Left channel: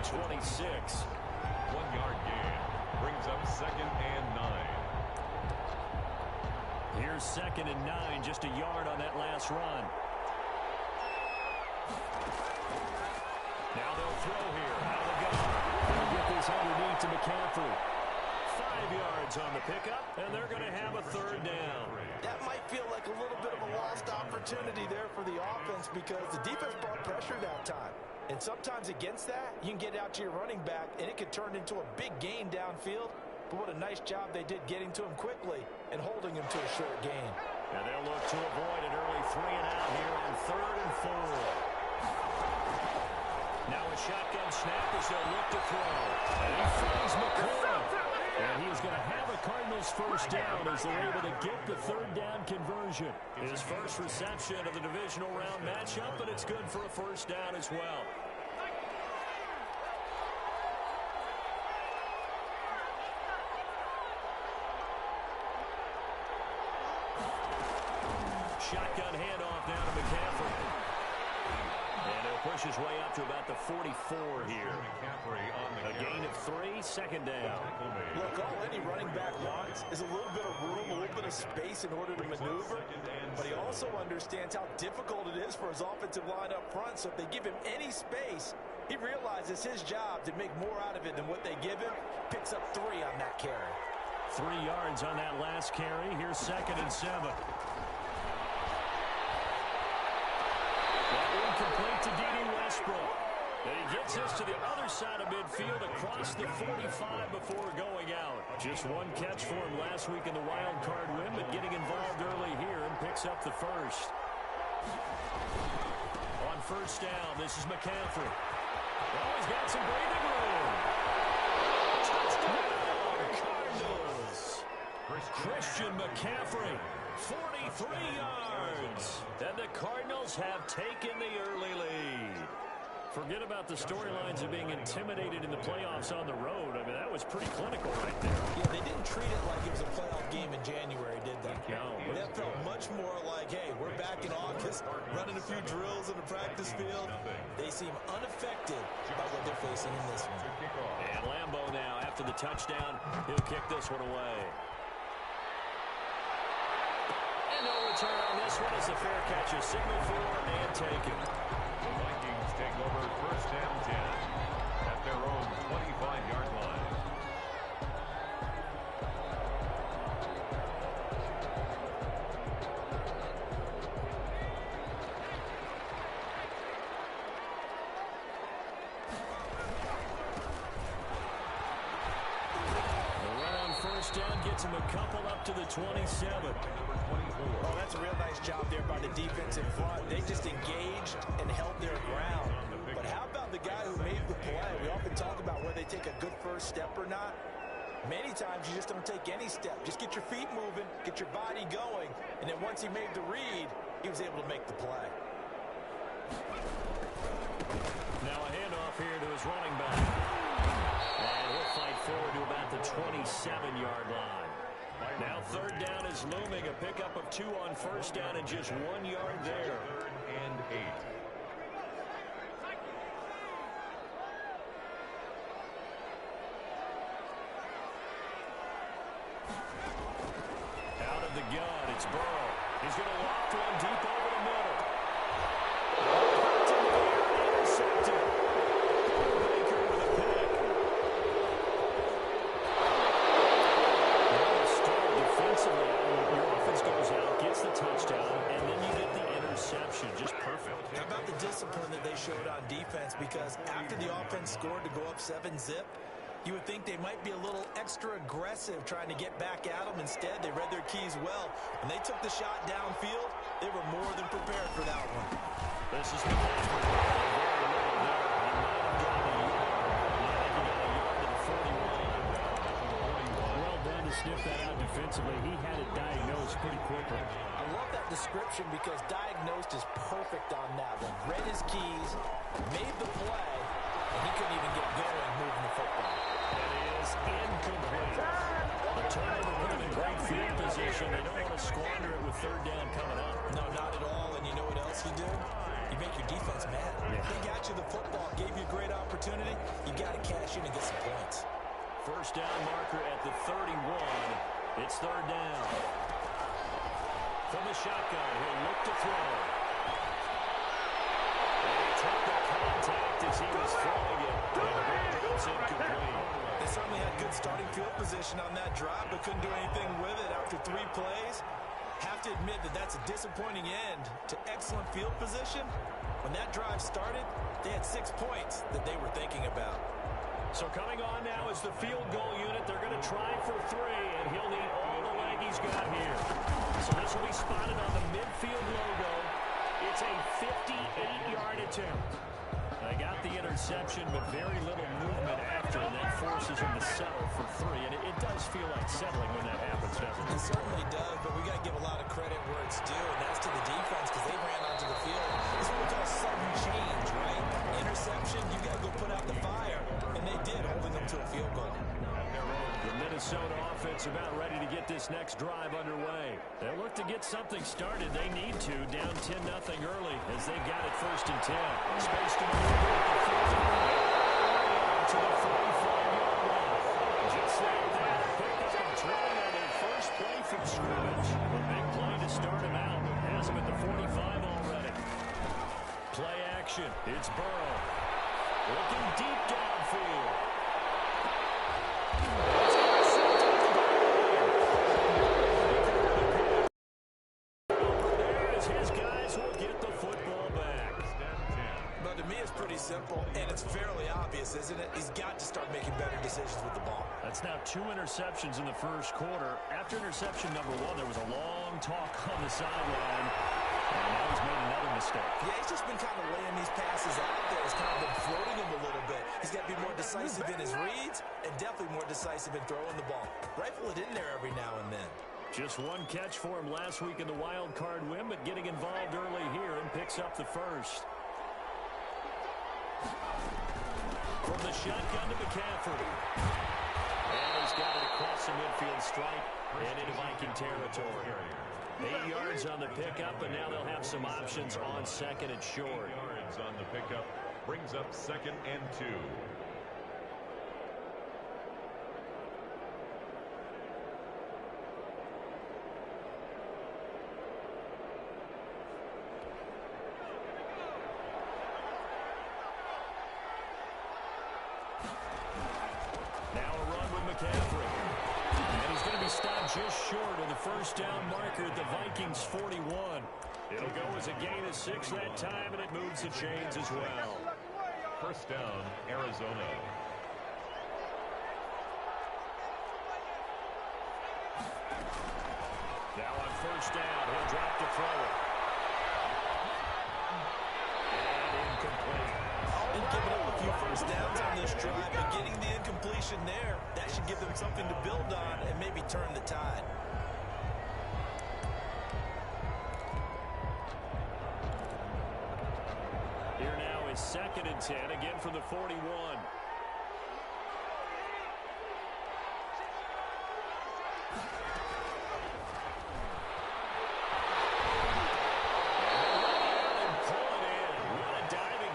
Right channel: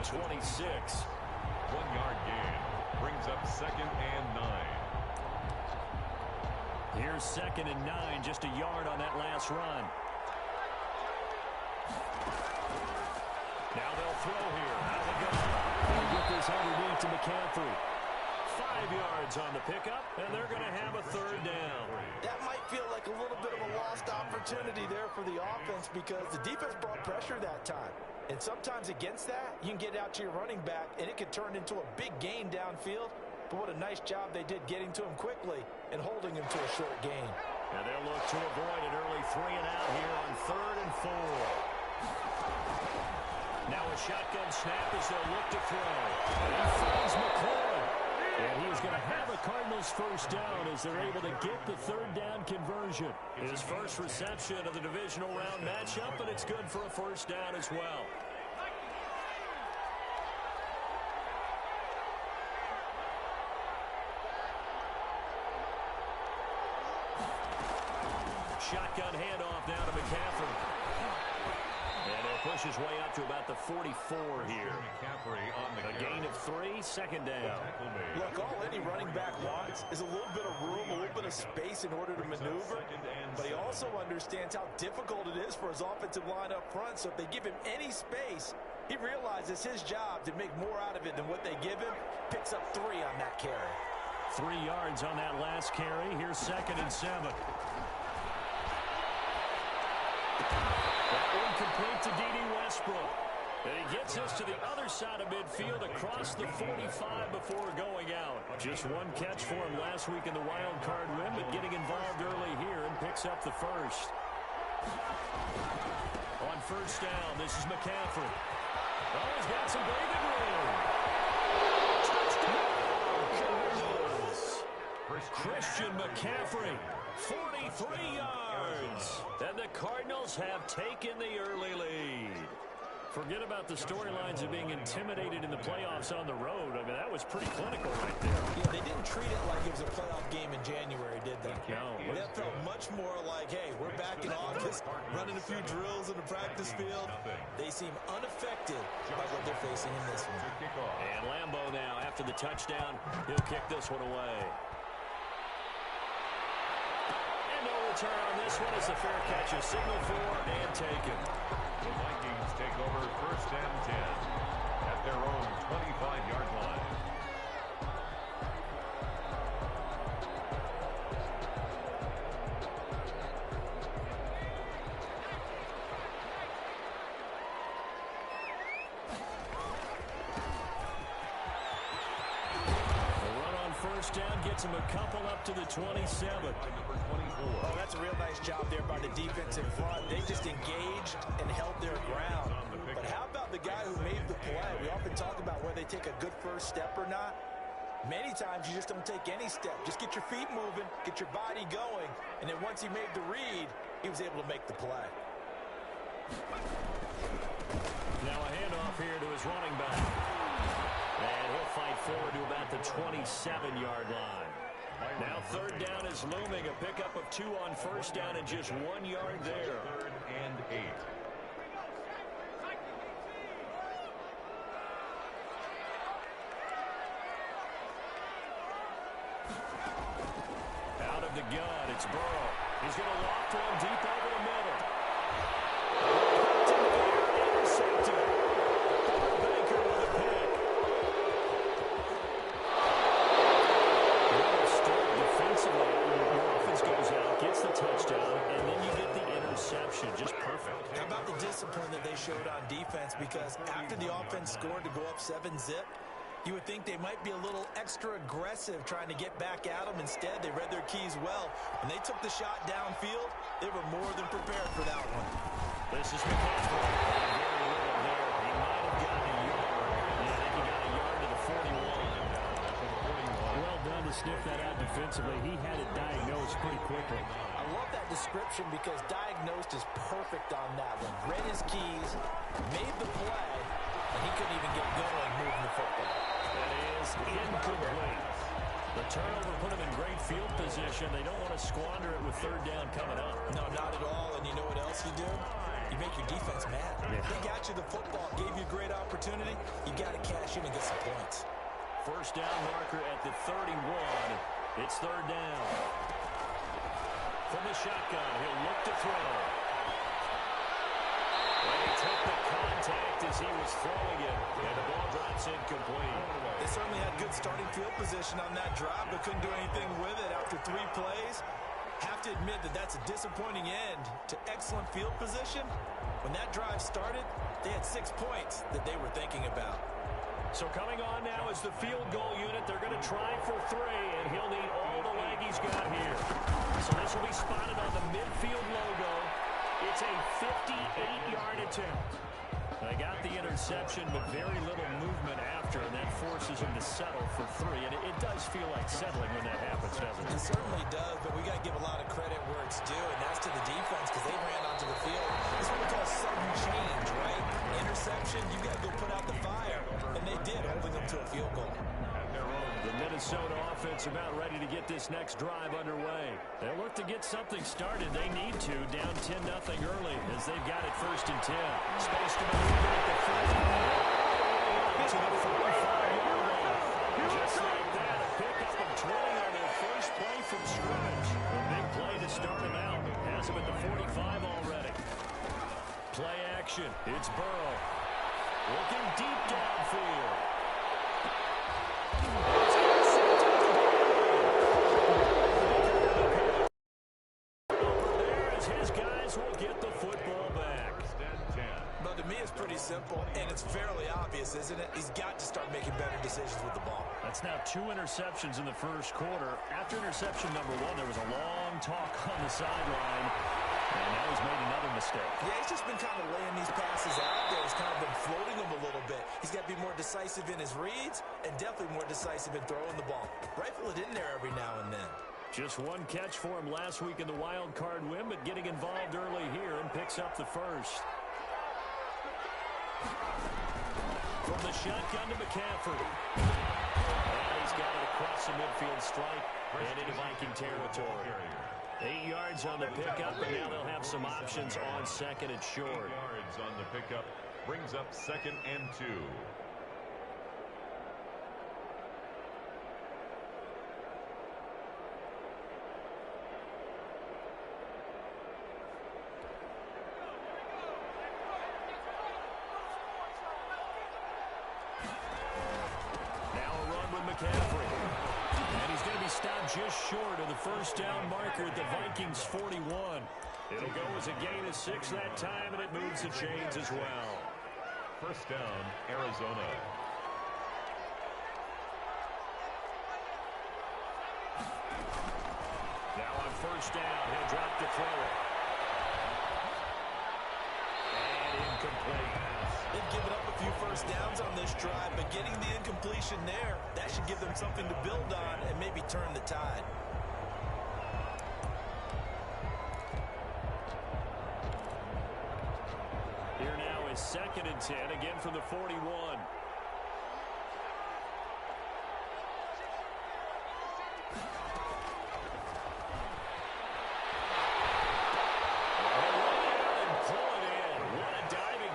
the 26. 1-yard gain. Brings up 2nd and 9. Here's 2nd and 9, just a yard on that last run. Now they'll throw here out of the gun. They'll get this underneath to McCaffrey. 5 yards on the pickup, and they're going to have a 3rd down. That might feel like a little bit of a lost opportunity there for the offense because the defense brought pressure that time. And sometimes against that, you can get out to your running back, and it could turn into a big gain downfield. But what a nice job they did getting to him quickly and holding him to a short gain. And they'll look to avoid an early 3 and out here on 3rd and 4. Now a shotgun snap as they'll look to throw. And he finds McCoy. And he is going to have a Cardinals 1st down as they're able to get the 3rd down conversion. His first reception of the divisional round matchup, but it's good for a 1st down as well. Shotgun handoff now to McCaffrey. And he'll push his way up to about the 44 here. A gain of 3, 2nd down. Look, all any running back wants is a little bit of room, a little bit of space in order to maneuver. But he also understands how difficult it is for his offensive line up front. So if they give him any space, he realizes his job to make more out of it than what they give him. Picks up 3 on that carry. 3 yards on that last carry. Here's 2nd and 7. Incomplete to D.D. Westbrook. And he gets us to the other side of midfield across the 45 before going out. Just one catch for him last week in the wild card win, but getting involved early here and picks up the 1st. On 1st down, this is McCaffrey. Oh, he's got some breathing room. Touchdown, Cardinals. Christian McCaffrey. 43 yards. And the Cardinals have taken the early lead. Forget about the storylines of being intimidated in the playoffs on the road. I mean, that was pretty clinical right there. Yeah, they didn't treat it like it was a playoff game in January, did they? No. That felt much more like, hey, we're back in August, running a few drills in the practice field. They seem unaffected by what they're facing in this one. And Lambeau now, after the touchdown, he'll kick this one away. No return on this one as the fair catch is signaled for and taken. The Vikings take over 1st and 10 at their own 25-yard line. The run on 1st down gets him a couple up to the 27. Oh, that's a real nice job there by the defense in front. They just engaged and held their ground. But how about the guy who made the play? We often talk about whether they take a good 1st step or not. Many times you just don't take any step. Just get your feet moving, get your body going, and then once he made the read, he was able to make the play. Now a handoff here to his running back. And he'll fight forward to about the 27-yard line. Now 3rd down is looming. A pickup of 2 on 1st down and just 1 yard there. 3rd and 8. Out of the gun, it's Burrow. He's going to loft one deep over the middle. Intercepted. Baker with a pick. Defensively, your offense goes out, gets the touchdown, and then you get the interception. Just perfect. How about the discipline that they showed on defense? Because after the offense scored to go up 7-zip, you would think they might be a little extra aggressive trying to get back at them. Instead, they read their keys well. When they took the shot downfield, they were more than prepared for that one. This is McCaffrey. Very little there. He might have gotten a yard. Yeah, I think he got a yard to the 41. Well done to sniff that out defensively. He had it diagnosed pretty quickly. I love that description because diagnosed is perfect on that one. Read his keys, made the play, and he couldn't even get going moving the football. That is incomplete. The turnover put him in great field position. They don't want to squander it with 3rd down coming up. No, not at all. And you know what else you do? You make your defense mad. Yeah. They got you the football, gave you a great opportunity. You got to cash in and get some points. First down marker at the 31. It's third down. From the shotgun, he'll look to throw. And he took the contact as he was throwing it, and the ball drops incomplete. They certainly had good starting field position on that drive, but couldn't do anything with it after 3 plays. Have to admit that that's a disappointing end to excellent field position. When that drive started, they had 6 points that they were thinking about. So coming on now is the field goal unit. They're going to try for 3, and he'll need all the leg he's got here. So this will be spotted on the midfield logo. It's a 58-yard attempt. They got the interception, but very little movement after, and that forces him to settle for 3. And it does feel like settling when that happens, doesn't it? It certainly does, but we got to give a lot of credit where it's due, and that's to the defense because they ran onto the field. This is what we call sudden change, right? Interception, you got to go put out the fire, and they did, holding them to a field goal. The Minnesota offense about ready to get this next drive underway. They'll look to get something started. They need to, down 10-0 early as they've got it 1st and 10. Space to maneuver at the 40. All the way out to the 45-yard line. Just like that, a pickup of 20 on their first play from scrimmage. A big play to start him out. Has him at the 45 already. Play action. It's Burrow. Looking deep downfield. His guys will get the football back. But to me, it's pretty simple, and it's fairly obvious, isn't it? He's got to start making better decisions with the ball. That's now 2 interceptions in the first quarter. After interception number 1, there was a long talk on the sideline, and now he's made another mistake. Yeah, he's just been kind of laying these passes out there. He's kind of been floating them a little bit. He's got to be more decisive in his reads and definitely more decisive in throwing the ball. Rifle it in there every now and then. Just 1 catch for him last week in the wild card win, but getting involved early here and picks up the first. From the shotgun to McCaffrey. And he's got it across the midfield stripe and into Viking territory. 8 yards on the pickup, and now they'll have some options on 2nd and short. 8 yards on the pickup brings up 2nd and 2. McCaffrey. And he's going to be stopped just short of the first down marker at the Vikings 41. It'll go as a gain of 6 that time, and it moves the chains as well. First down, Arizona. Now on first down, he'll drop to throw it. And incomplete. They've given up a few first downs on this drive, but getting the incompletion there, that should give them something to build on and maybe turn the tide. Here now is 2nd and 10, again from the 41.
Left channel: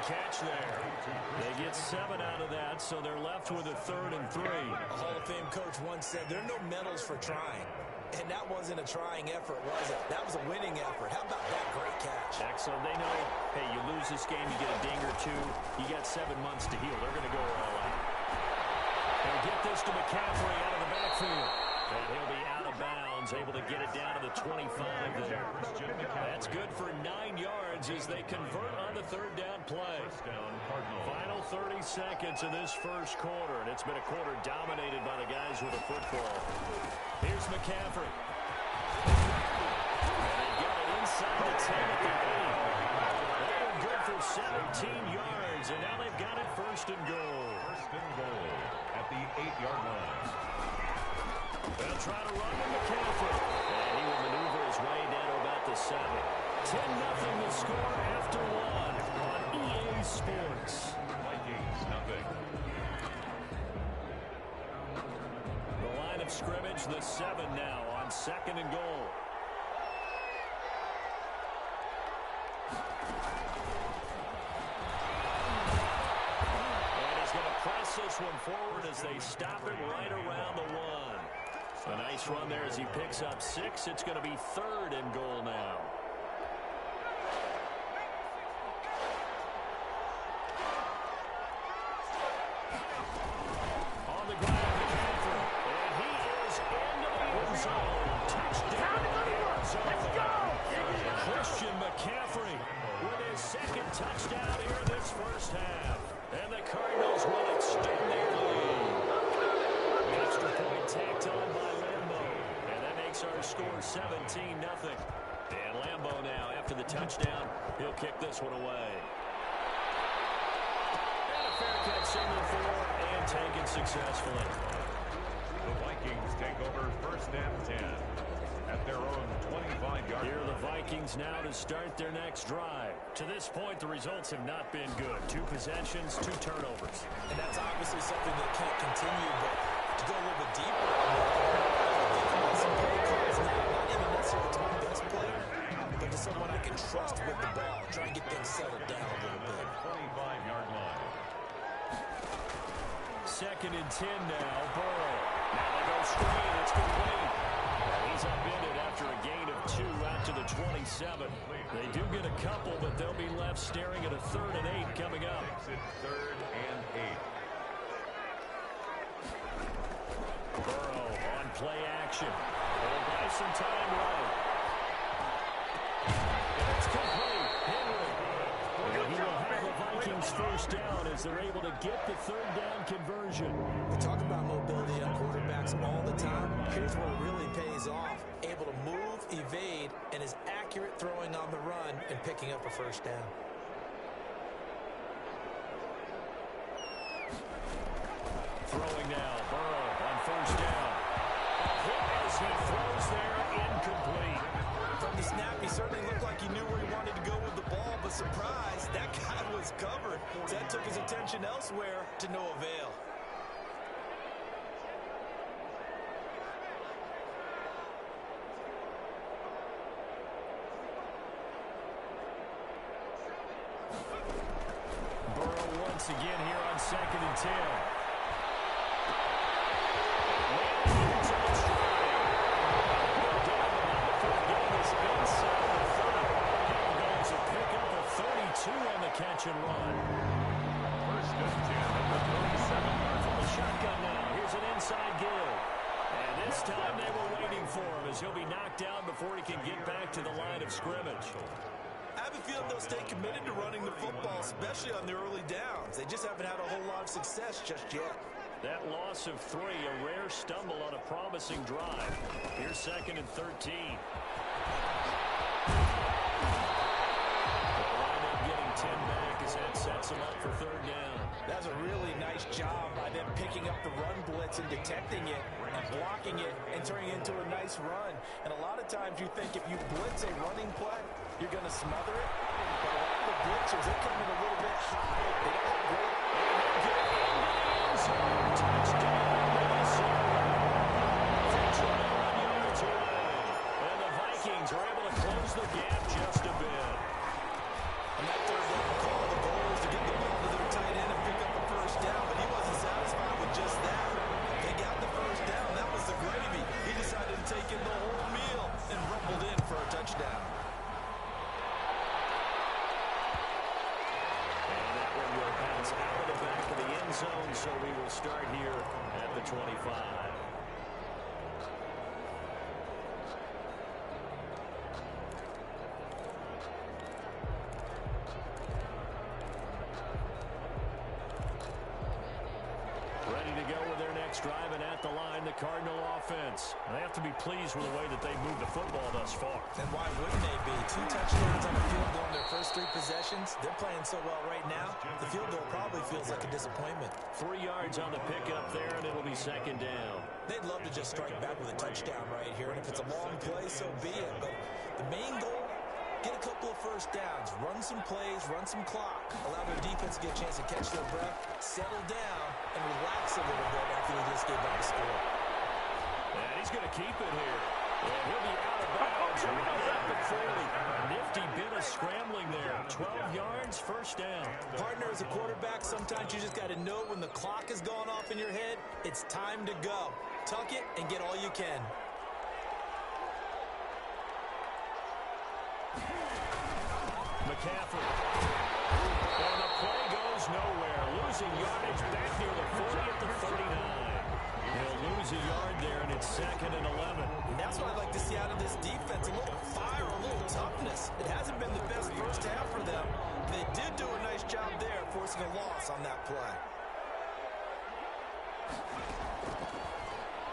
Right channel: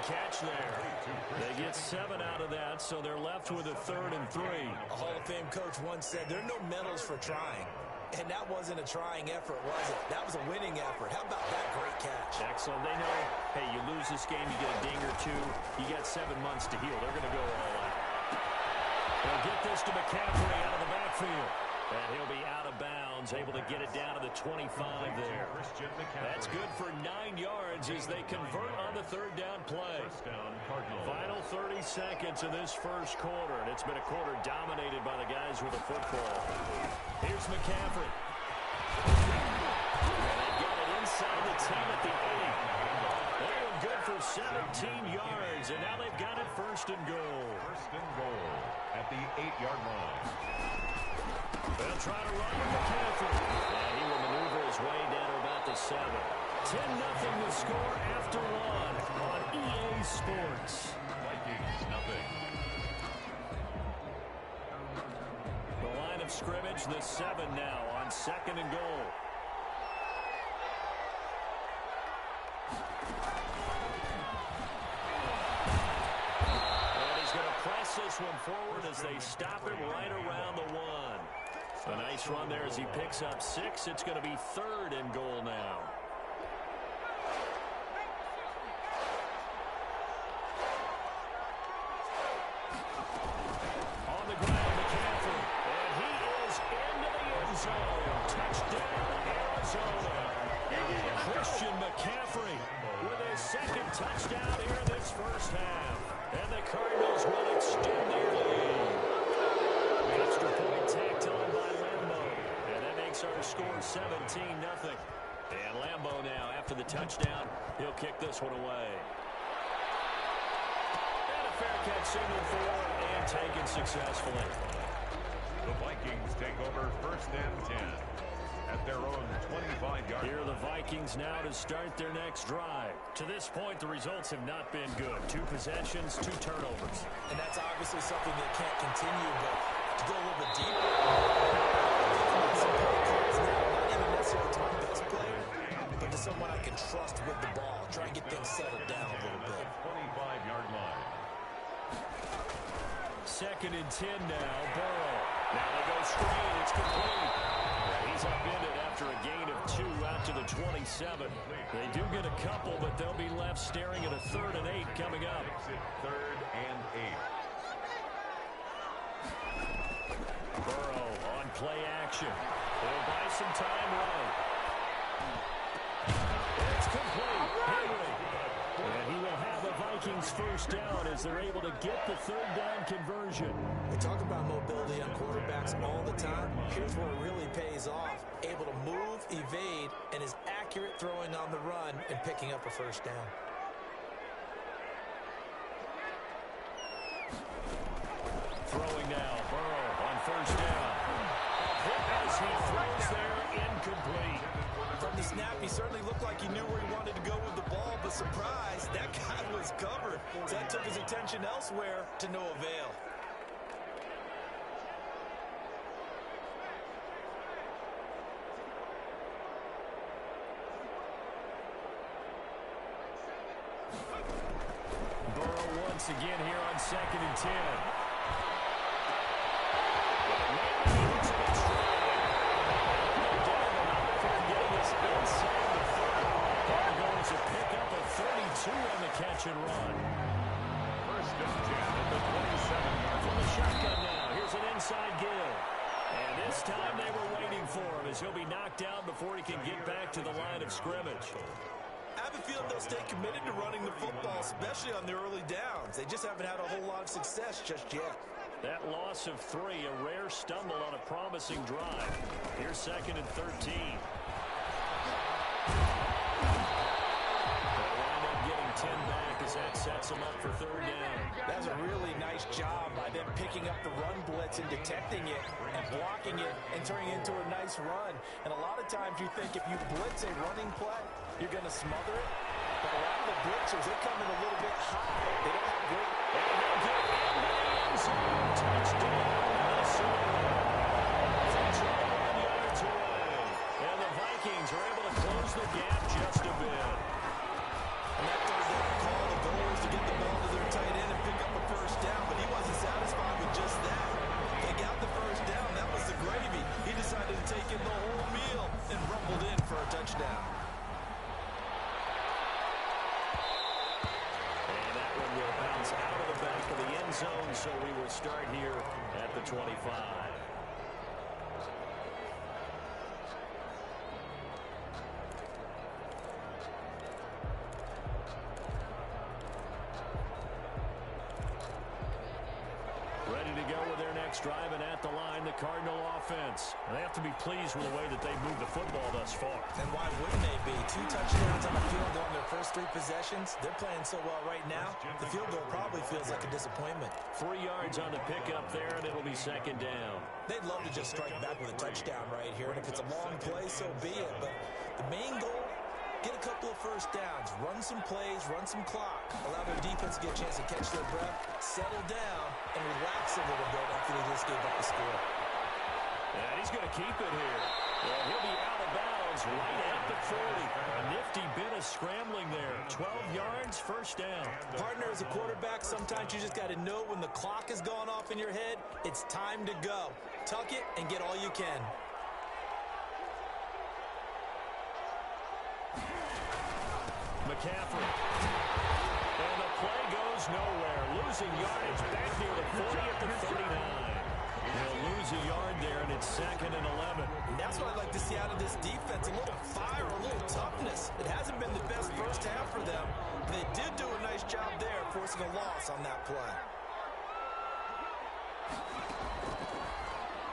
Catch there. They get 7 out of that, so they're left with a 3rd and 3. A Hall of Fame coach once said, there are no medals for trying. And that wasn't a trying effort, was it? That was a winning effort. How about that great catch? Excellent. They know, hey, you lose this game, you get a ding or 2. You got 7 months to heal. They're going to go all out. They'll get this to McCaffrey out of the backfield. And he'll be out of bounds, able to get it down to the 25 there. That's good for 9 yards as they convert on the 3rd down play. Final 30 seconds of this first quarter, and it's been a quarter dominated by the guys with the football. Here's McCaffrey. And they've got it inside the 10 at the 8. They were good for 17 yards, and now they've got it 1st and goal. 1st and goal at the 8-yard line. They'll try to run with McCaffrey. And he will maneuver his way down to about the 7. 10-0 the score after 1 on EA Sports. Vikings, nothing. The line of scrimmage, the 7 now on 2nd and goal. press this one forward as they stop him right around the 1. A nice run there as he picks up 6. It's going to be 3rd and goal now. On the ground, McCaffrey. And he is into the end zone. Touchdown, Arizona. Christian McCaffrey with his 2nd touchdown here in this first half. And the Cardinals will extend their lead. Extra point tacked on by Lambo. And that makes our score 17-0. And Lambo now, after the touchdown, he'll kick this one away. And a fair catch signal for and taken successfully. The Vikings take over 1st and 10 at their own 25-yard. Here are the Vikings now to start their next drive. To this point, the results have not been good. 2 possessions, 2 turnovers. And that's obviously something that can't continue, but to go a little bit deeper, some play calls now, not even necessarily to my best player, but to someone I can trust with the ball. Try and get things settled down a little bit. 25-yard line. 2nd and 10 now, Burrow. Now they go screen, it's complete. And he's upended after a gain of 2 out to the 27. They do get a couple, but they'll be left staring at a 3rd and 8 coming up. Makes it 3rd and 8. Burrow on play action. He'll buy some time right. And it's complete. Henry. And he will have a Vikings first down as they're able to get the 3rd down conversion. We talk about mobility on quarterbacks all the time. Here's where it really pays off. Able to move, evade, and is accurate throwing on the run and picking up a first down. Throwing now, Burrow on 1st down. A hit as he throws there, incomplete. From the snap, he certainly looked like he knew where he wanted to go with the ball, but surprise, that guy was covered. So that took his attention elsewhere to no avail. Burrow once again here on 2nd and 10. Inside the 30. Here goes a pickup of 32 on the catch and run. 1st and 10 at the 27-yard From the shotgun now. Here's an inside give. And this time they were waiting for him as he'll be knocked out before he can get back to the line of scrimmage. I have a feeling they'll stay committed to running the football, especially on the early downs. They just haven't had a whole lot of success just yet. That loss of 3, a rare stumble on a promising drive. Here's 2nd and 13. They'll wind up getting 10 back as that sets them up for 3rd down. That's a really nice job by them picking up the run blitz and detecting it and blocking it and turning it into a nice run. And a lot of times you think if you blitz a running play, you're going to smother it. But a lot of the blitzers, they come in a little bit high. They don't have great... And they'll get into the end zone. Touchdown, Minnesota. From 21 yards away. And the Vikings are able to close the gap just a bit. On that 3rd down call, the goal is to get the ball to their tight end and pick up a first down, but he wasn't satisfied with just that. They got the first down. That was the gravy. He decided to take in the whole meal and rumbled in for a touchdown. And that one will bounce out of the back of the end zone, so we will start here at the 25. Ready to go with their next drive, and at the line, the Cardinal offense. And they have to be pleased with the way that they moved the football thus far. And why wouldn't they be? 2 touchdowns on a field goal in their first 3 possessions. They're playing so well right now, the field goal probably feels like a disappointment. 3 yards on the pickup there, and it'll be 2nd down. They'd love to just strike back with a touchdown right here, and if it's a long play, so be it. But the main goal, get a couple of first downs, run some plays, run some clock, allow their defense to get a chance to catch their breath, settle down, and relax a little bit after they just gave up the score. And he's going to keep it here. And he'll be out of bounds yards right at the 40. A nifty bit of scrambling there. 12 yards, first down. Partner, as a quarterback, sometimes you just got to know when the clock has gone off in your head, it's time to go. Tuck it and get all you can. McCaffrey. And the play goes nowhere. Losing yardage back near the 40 at the 39. He'll lose a yard there, and it's 2nd and 11. And that's what I'd like to see out of this defense. A little fire, a little toughness. It hasn't been the best first half for them. They did do a nice job there, forcing a loss on that play.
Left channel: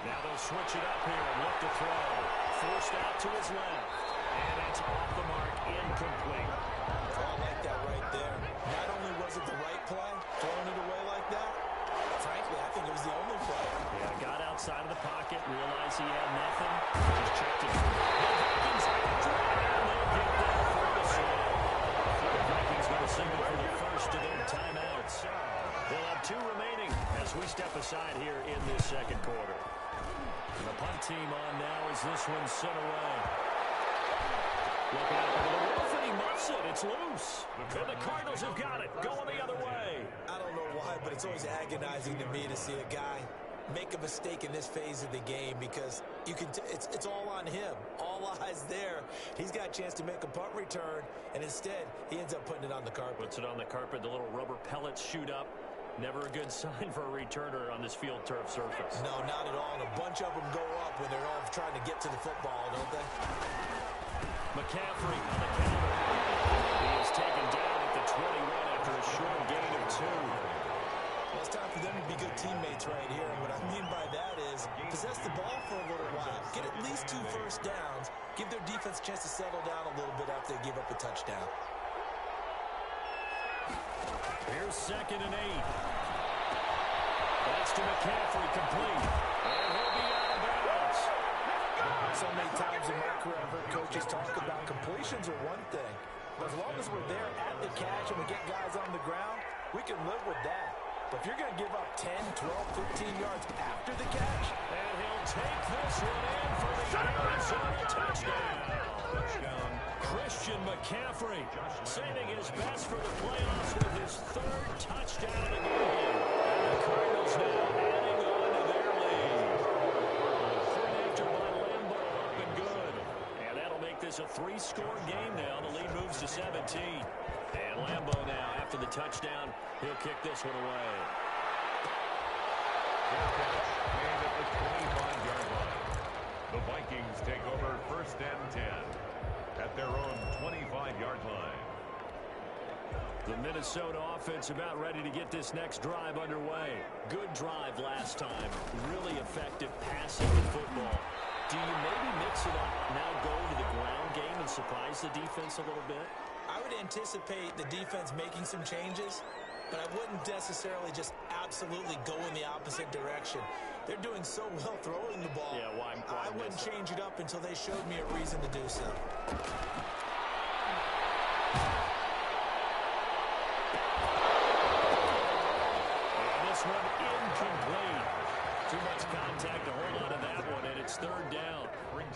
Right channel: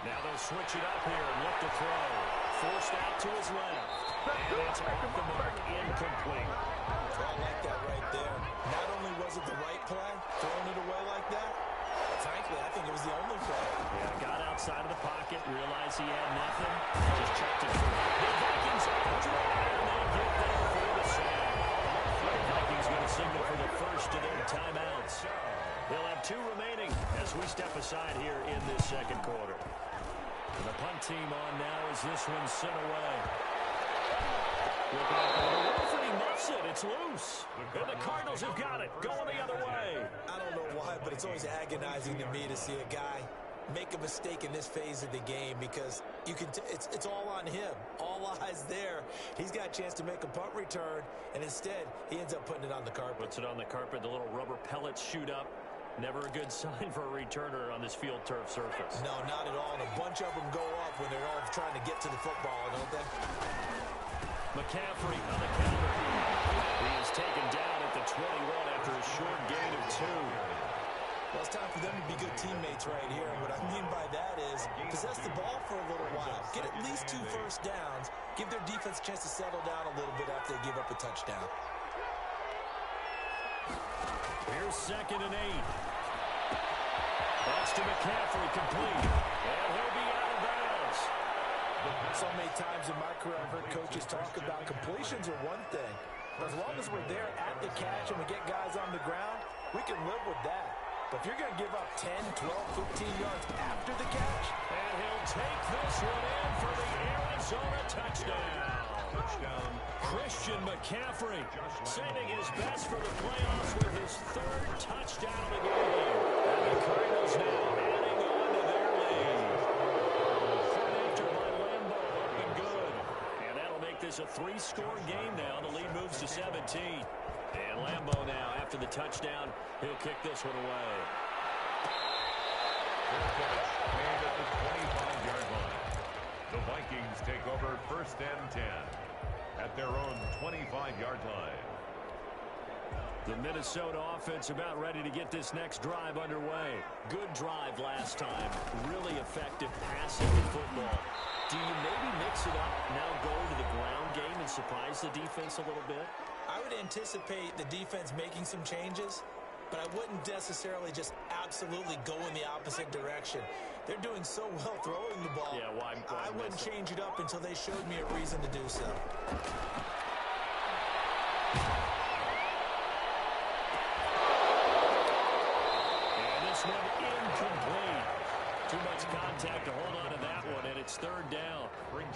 Now they'll switch it up here and look to throw. Forced out to his left. And it's off the mark, incomplete. Oh, I like that right there. Not only was it the right play, throwing it away like that, frankly, I think it was the only play. Yeah, got outside of the pocket, realized he had nothing, just checked it through. The Vikings after it, and they get there for the sack. The Vikings going to signal for the first of their timeouts. They'll have 2 remaining as we step aside here in this second quarter. And the punt team on now as this one sent away. Looking up into the roof, and he muffs it. It's loose. And the Cardinals have got it, going the other way. I don't know why, but it's always agonizing to me to see a guy make a mistake in this phase of the game because you can it's all on him. All eyes there. He's got a chance to make a punt return, and instead, he ends up putting it on the carpet. Puts it on the carpet. The little rubber pellets shoot up. Never a good sign for a returner on this field turf surface. No, not at all. And a bunch of them go up when they're all trying to get to the football, don't they? McCaffrey on the counter. He is taken down at the 21 after a short gain of 2. Well, it's time for them to be good teammates right here. And what I mean by that is possess the ball for a little while. Get at least 2 first downs. Give their defense a chance to settle down a little bit after they give up a touchdown. Here's 2nd and 8. That's to McCaffrey, complete. And he'll be out of bounds. So many times in my career, I've heard coaches talk about completions are one thing. But as long as we're there at the catch and we get guys on the ground, we can live with that. But if you're going to give up 10, 12, 15 yards after the catch. And he'll take this one in for the Arizona touchdown. Christian McCaffrey saving his best for the playoffs with his 3rd touchdown of the game. And the Cardinals now adding on to their lead. Point after by Lambeau, up and good. And that'll make this a 3-score game now. The lead moves to 17. And Lambeau now, after the touchdown, he'll kick this one away. Fair catch made at the 25-yard line. The Vikings take over 1st and 10 at their own 25-yard line. The Minnesota offense about ready to get this next drive underway. Good drive last time. Really effective passing the football. Do you maybe mix it up, now go to the ground game and surprise the defense a little bit? I would anticipate the defense making some changes, but I wouldn't necessarily just absolutely go in the opposite direction. They're doing so well throwing the ball. Yeah, why I wouldn't change it up until they showed me a reason to do so. And this one incomplete. Too much contact to hold on to that one, and it's 3rd down.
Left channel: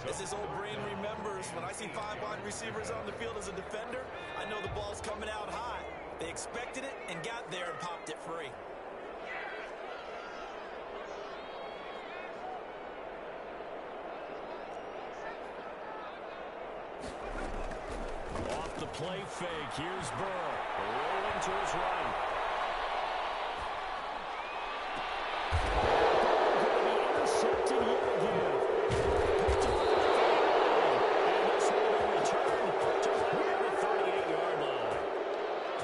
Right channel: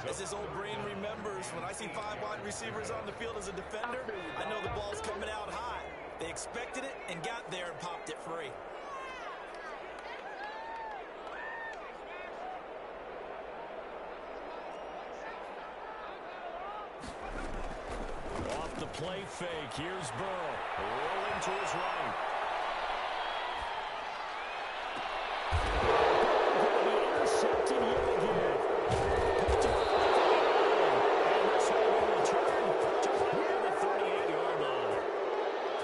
As this old brain remembers, when I see 5 wide receivers on the field as a defender, I know the ball's coming out high. They expected it and got there and popped it free. Off the play fake, here's Burrow. Rolling to his right. Intercepted yet again. Picked up at the 39. And this will be returned to right around the 38-yard line.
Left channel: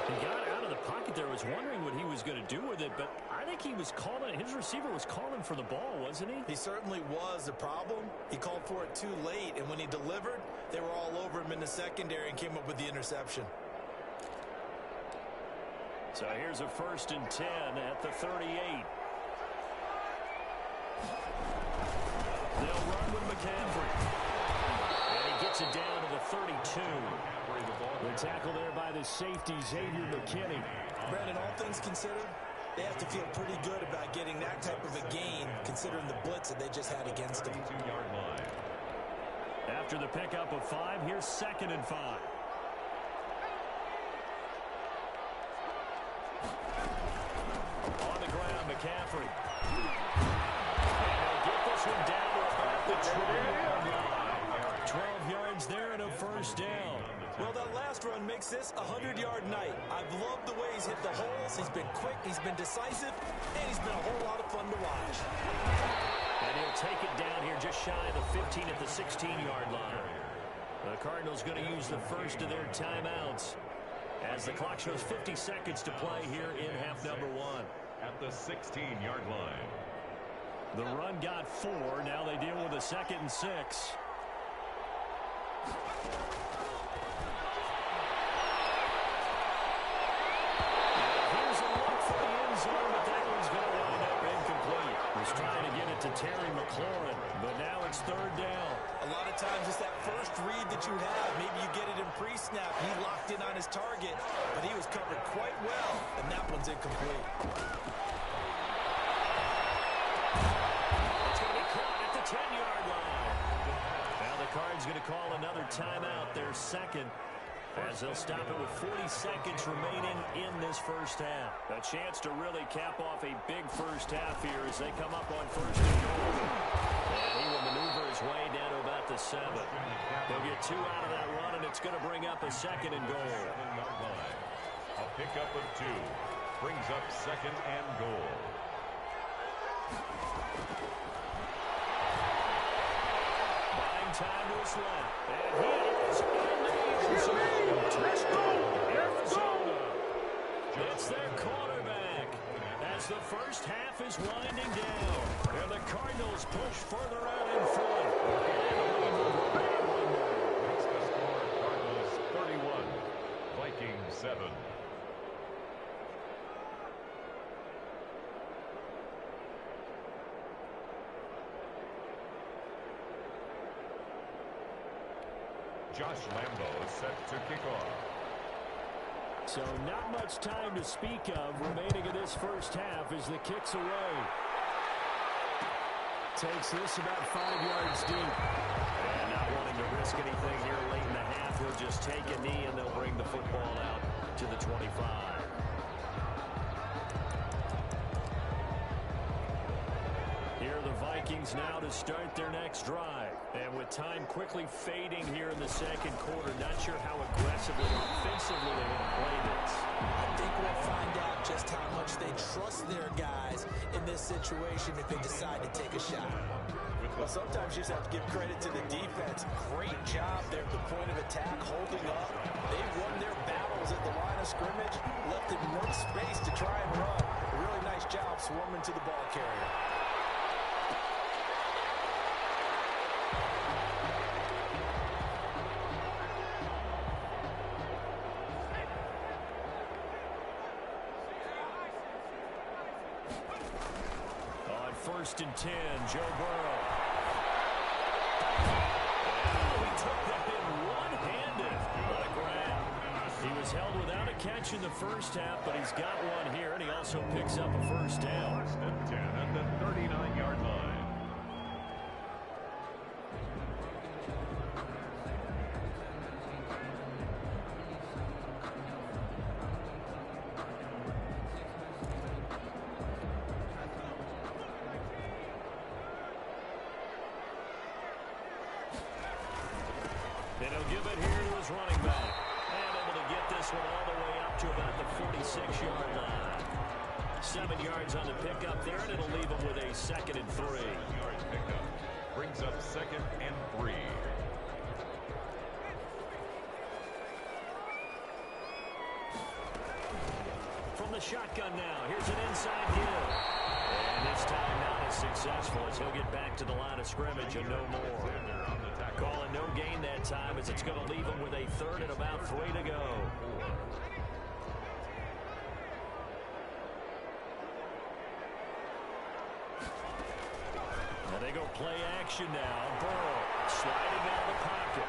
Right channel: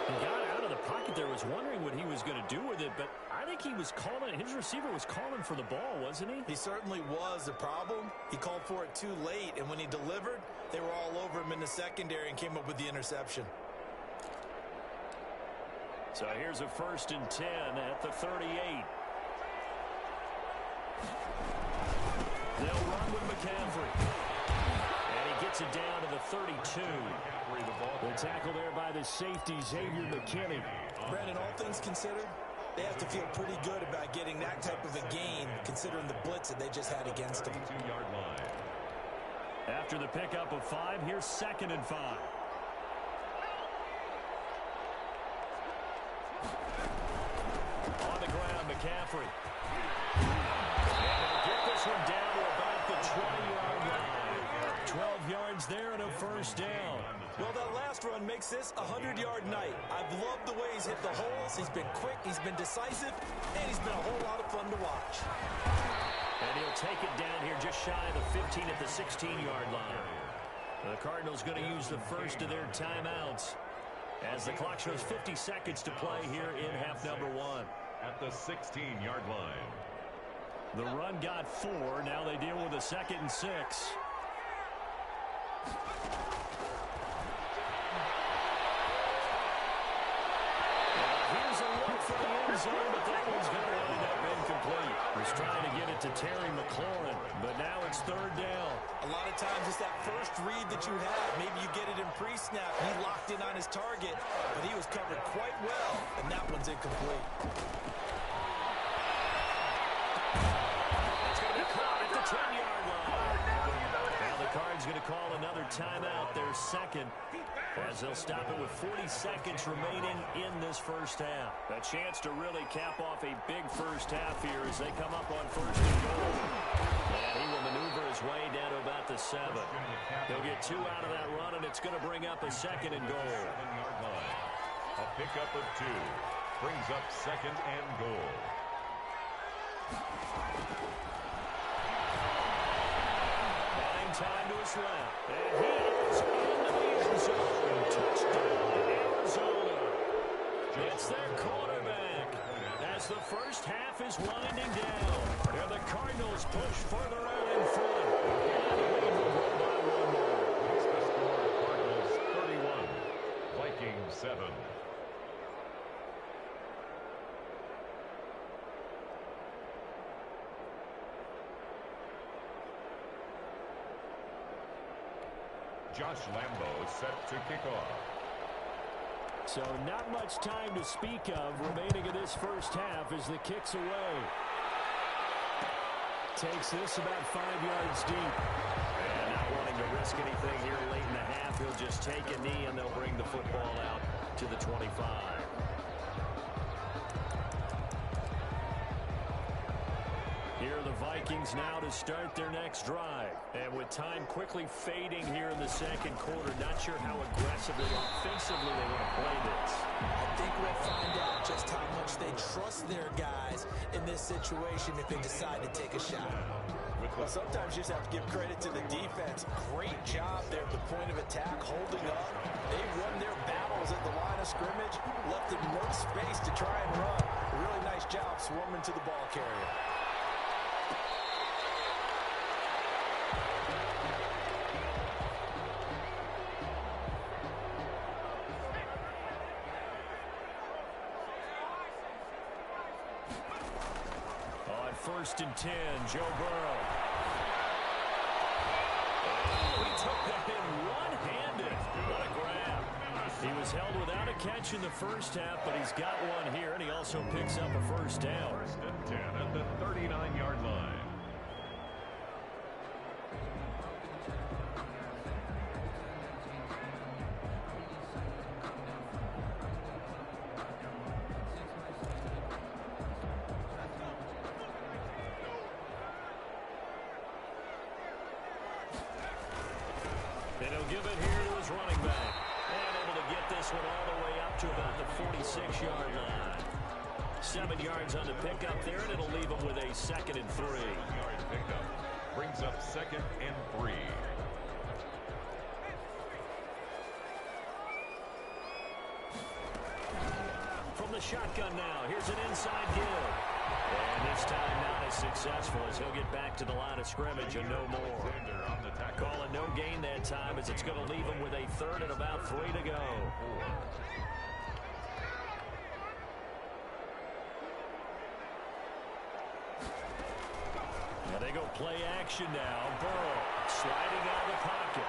He got out of the pocket there, was wondering what he was going to do with it, but I think he was calling, his receiver was calling for the ball, wasn't he? He certainly was. The problem, he called for it too late, and when he delivered, they were all over him in the secondary and came up with the interception. So here's a 1st and 10 at the 38. They'll run with McCaffrey. And he gets it down to the 32. The tackle there by the safety, Xavier McKinney. Brandon, all things considered, they have to feel pretty good about getting that type of a gain, considering the blitz that they just had against them. After the pickup of 5, here's 2nd and 5. On the ground, McCaffrey. And he'll get this one down to about the 20-yard line. 12 yards there and a first down. Well, that last run makes this a 100-yard night. I've loved the way he's hit the holes. He's been quick, he's been decisive, and he's been a whole lot of fun to watch. And he'll take it down here just shy of the 15 at the 16-yard line. The Cardinals going to use the first of their timeouts as the clock shows 50 seconds to play here in half number 1. At the 16-yard line. The run got 4. Now they deal with a 2nd and 6. Here's a look for the end zone, but that one's going to wind up incomplete. Was trying to get it to Terry McLaurin, but now it's 3rd down. A lot of times it's that first read that you have. Maybe you get it in pre-snap. He locked in on his target, but he was covered quite well, and that one's incomplete. It's going to be caught at the 10-yard line. Now the Cards going to call another timeout, their 2nd. As they'll stop it with 40 seconds remaining in this first half. A chance to really cap off a big first half here as they come up on 1st and goal. And he will maneuver his way down to about the 7. He'll get 2 out of that run, and it's going to bring up a 2nd and goal. 7-yard line. A pickup of 2 brings up 2nd and goal. Buying time to his left. And he is into the end zone. Touchdown, Arizona. It's their quarterback as the first half is winding down. And the Cardinals push further out in front. And the lead will grow by 1 more. Makes the score Cardinals 31, Vikings 7. Josh Lambo set to kick off. So not much time to speak of remaining in this first half as the kick's away. Takes this about 5 yards deep. And not wanting to risk anything here late in the half, he'll just take a knee and they'll bring the football out to the 25. Here are the Vikings now to start their next drive. And with time quickly fading here in the 2nd quarter, not sure how aggressively, offensively they want to play this. I think we'll find out just how much they trust their guys in this situation if they decide to take a shot. Well, sometimes you just have to give credit to the defense. Great job there at the point of attack, holding up. They won their battles at the line of scrimmage, left them no space to try and run. A really nice job swarming to the ball carrier. On 1st and 10, Joe Burrow. Oh, he took that in one-handed. What a grab. He was held without a catch in the first half, but he's got one here, and he also picks up a first down. 1st and 10 at the 39-yard line. And he'll give it here to his running back. And able to get this one all the way up to about the 46-yard line. 7 yards on the pickup there, and it'll leave him with a 2nd and 3. 7-yard pickup brings up 2nd and 3. From the shotgun now, here's an inside give. And this time not as successful as he'll get back to the line of scrimmage and no more. Calling no gain that time as it's going to leave him with a 3rd and about 3 to go. Now they go play action now. Burrow sliding out of the pocket.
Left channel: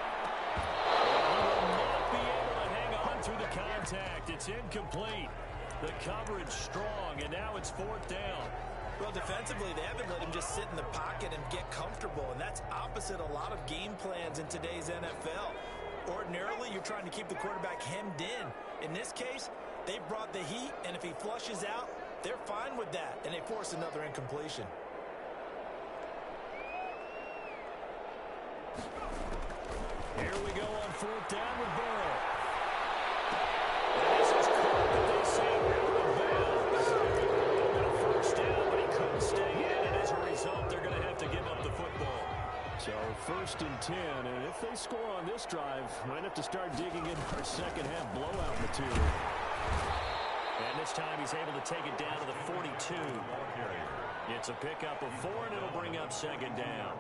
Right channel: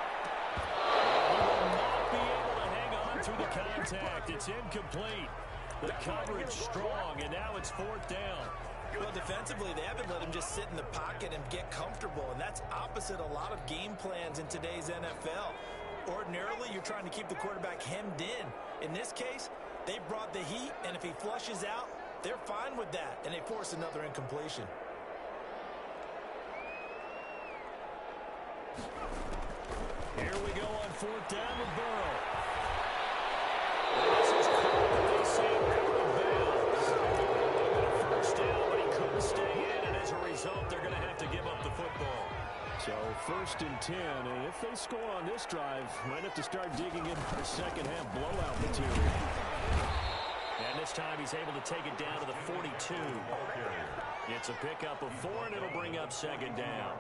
He will not be able to hang on through the contact. It's incomplete. The coverage strong, and now it's 4th down. Well, defensively, they haven't let him just sit in the pocket and get comfortable, and that's opposite a lot of game plans in today's NFL. Ordinarily, you're trying to keep the quarterback hemmed in. In this case, they brought the heat, and if he flushes out, they're fine with that, and they force another incompletion. Here we go on fourth down with Burrow. And this is caught, but they say out of bounds. They've got a first down, but he couldn't stay in, and as a result, they're going to have to give up the football. So first and 10, and if they score on this drive, might have to start digging in our second half blowout material. And this time he's able to take it down to the 42. It's a pickup of 4, and it'll bring up second down.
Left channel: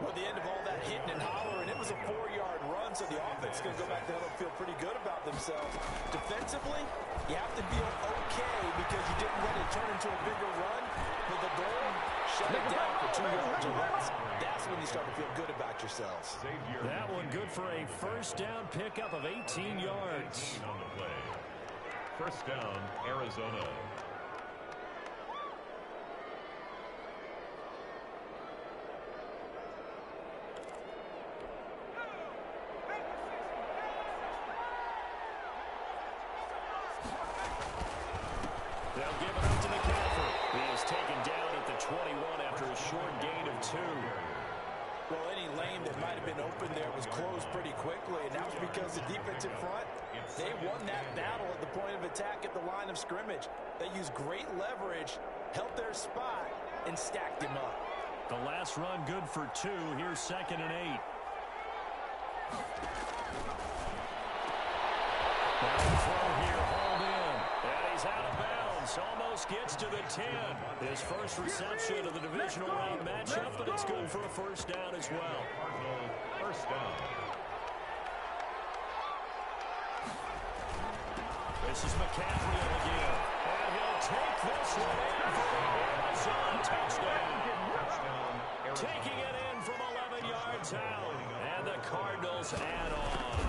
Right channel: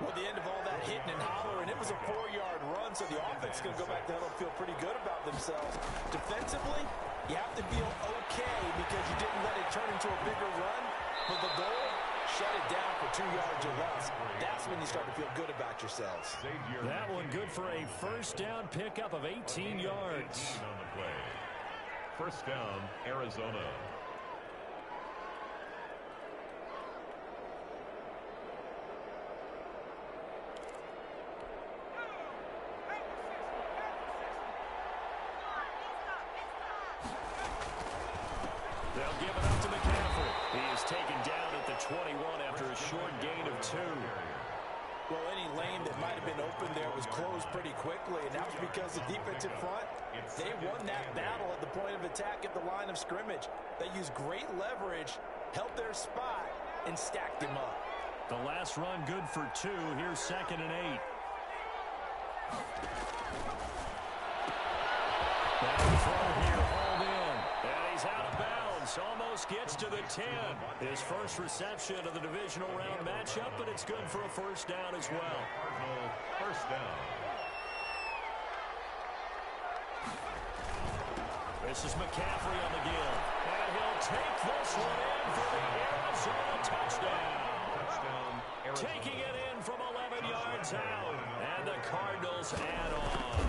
Well, the end of all that hitting and hollering, it was a 4-yard run, so the offense is going to go back to and feel pretty good about themselves. Defensively, you have to feel okay because you didn't let it turn into a bigger run, but the goal, shut it down for 2 yards or less. That's when you start to feel good about yourselves. That one good for a first down pickup of 18 yards. On the play. First down, Arizona. They'll give it up to McCaffrey. He is taken down at the 21 after a short gain of 2. Well, any lane that might have been open there was closed pretty quickly, and that was because the defensive front, they won that battle at the point of attack at the line of scrimmage. They used great leverage, held their spot, and stacked him up. The last run good for 2. Here's second and 8. Now the throw here, hauled in. And he's out of bounds. Almost gets to the 10. His first reception of the divisional round matchup, but it's good for a first down as well. Cardinal first down. This is McCaffrey on the give. And he'll take this one in for the Arizona touchdown. Taking it in from 11 yards out. And the Cardinals add on.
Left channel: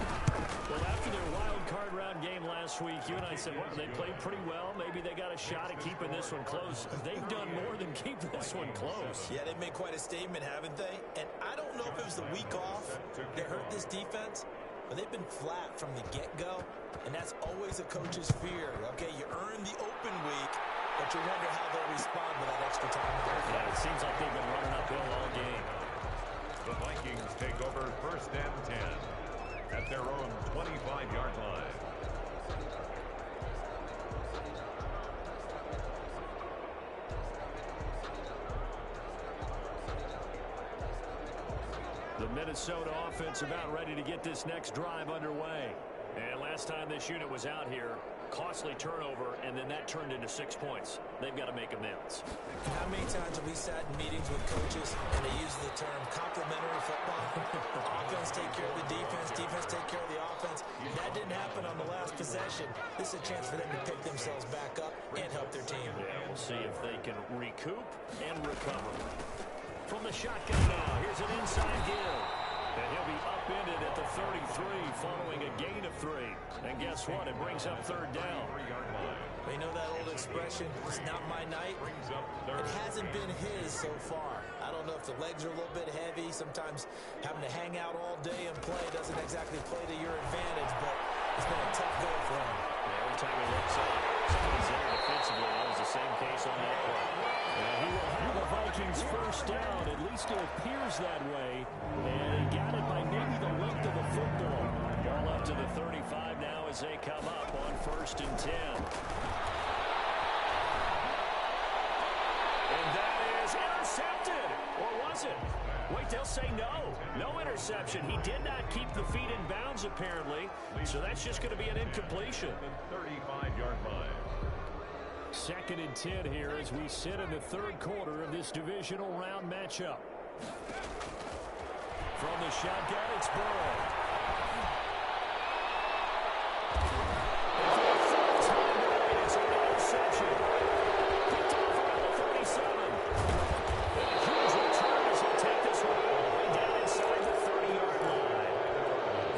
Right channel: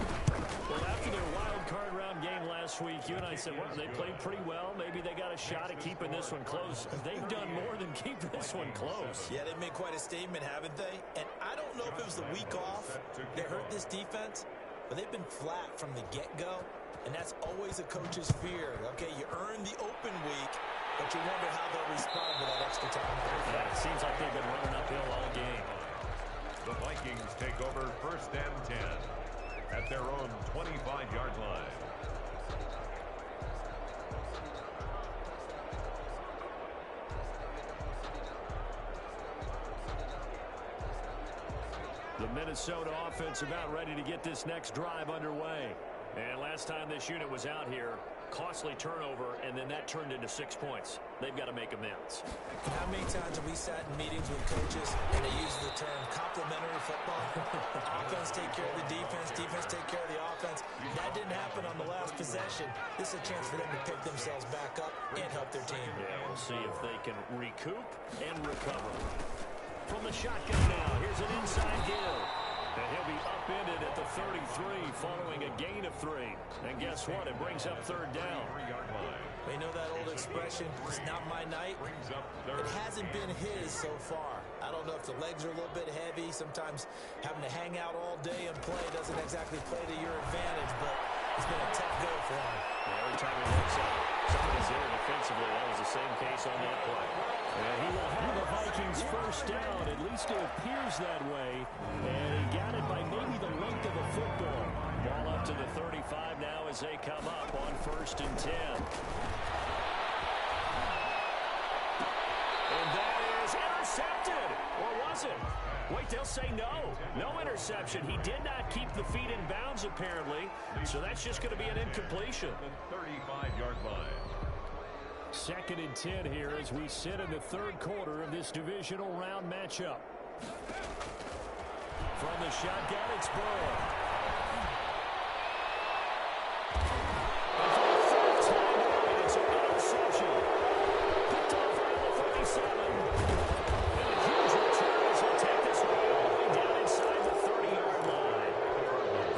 Well, after their wild card round game last week, you and I said, well, they played pretty well. Maybe they got a shot at keeping this one close. They've done more than keep this one close. Yeah, they've made quite a statement, haven't they? And I don't know if it was the week off that hurt this defense, but they've been flat from the get-go, and that's always a coach's fear. Okay, you earn the open week, but you wonder how they'll respond with that extra time. Yeah, it seems like they've been running uphill all game. The Vikings take over first and 10 at their own 25-yard line. The Minnesota offense about ready to get this next drive underway. And last time this unit was out here, costly turnover, and then that turned into 6 points. They've got to make amends. How many times have we sat in meetings with coaches and they use the term complementary football? Offense take care of the defense, defense take care of the offense. That didn't happen on the last possession. This is a chance for them to pick themselves back up and help their team. Yeah, we'll see if they can recoup and recover. From the shotgun now, here's an inside give. And he'll be upended at the 33 following a gain of 3. And guess what? It brings up third down. You know that old expression, it's not my night? It hasn't been his so far. I don't know if the legs are a little bit heavy. Sometimes having to hang out all day and play doesn't exactly play to your advantage, but it's been a tough go for him. Yeah, every time he looks up, somebody's there defensively. That was the same case on that play. And he will have the Vikings first down. At least it appears that way. And he got it by maybe the length of the football. Ball up to the 35 now as they come up on first and 10. And that is intercepted. Or was it? Wait, they'll say no. No interception. He did not keep the feet in bounds, apparently. So that's just going to be an incompletion. 35-yard line. Second and 10 here as we sit in the third quarter of this divisional round matchup. From the shotgun, it's Burrow. And for the third time tonight, it's an interception. Picked off around the 37. And a huge return as he'll take this one all the way down inside the 30-yard line.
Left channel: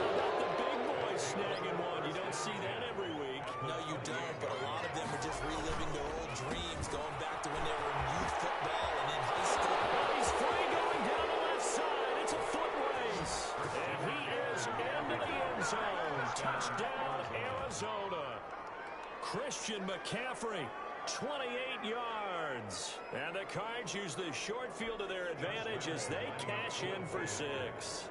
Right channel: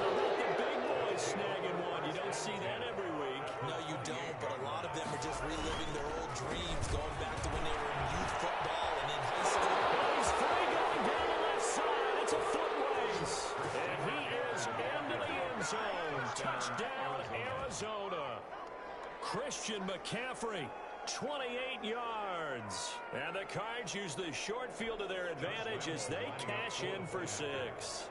How about the big boys snagging one? You don't see that every week. No, you don't, but a lot of them are just reliving their old dreams, going back to when they were in youth football and in high school. Well, he's free going down the left side. It's a foot race. And he is into the end zone. Touchdown, Arizona. Christian McCaffrey, 28 yards. And the Cards use the short field to their advantage as they cash in for 6.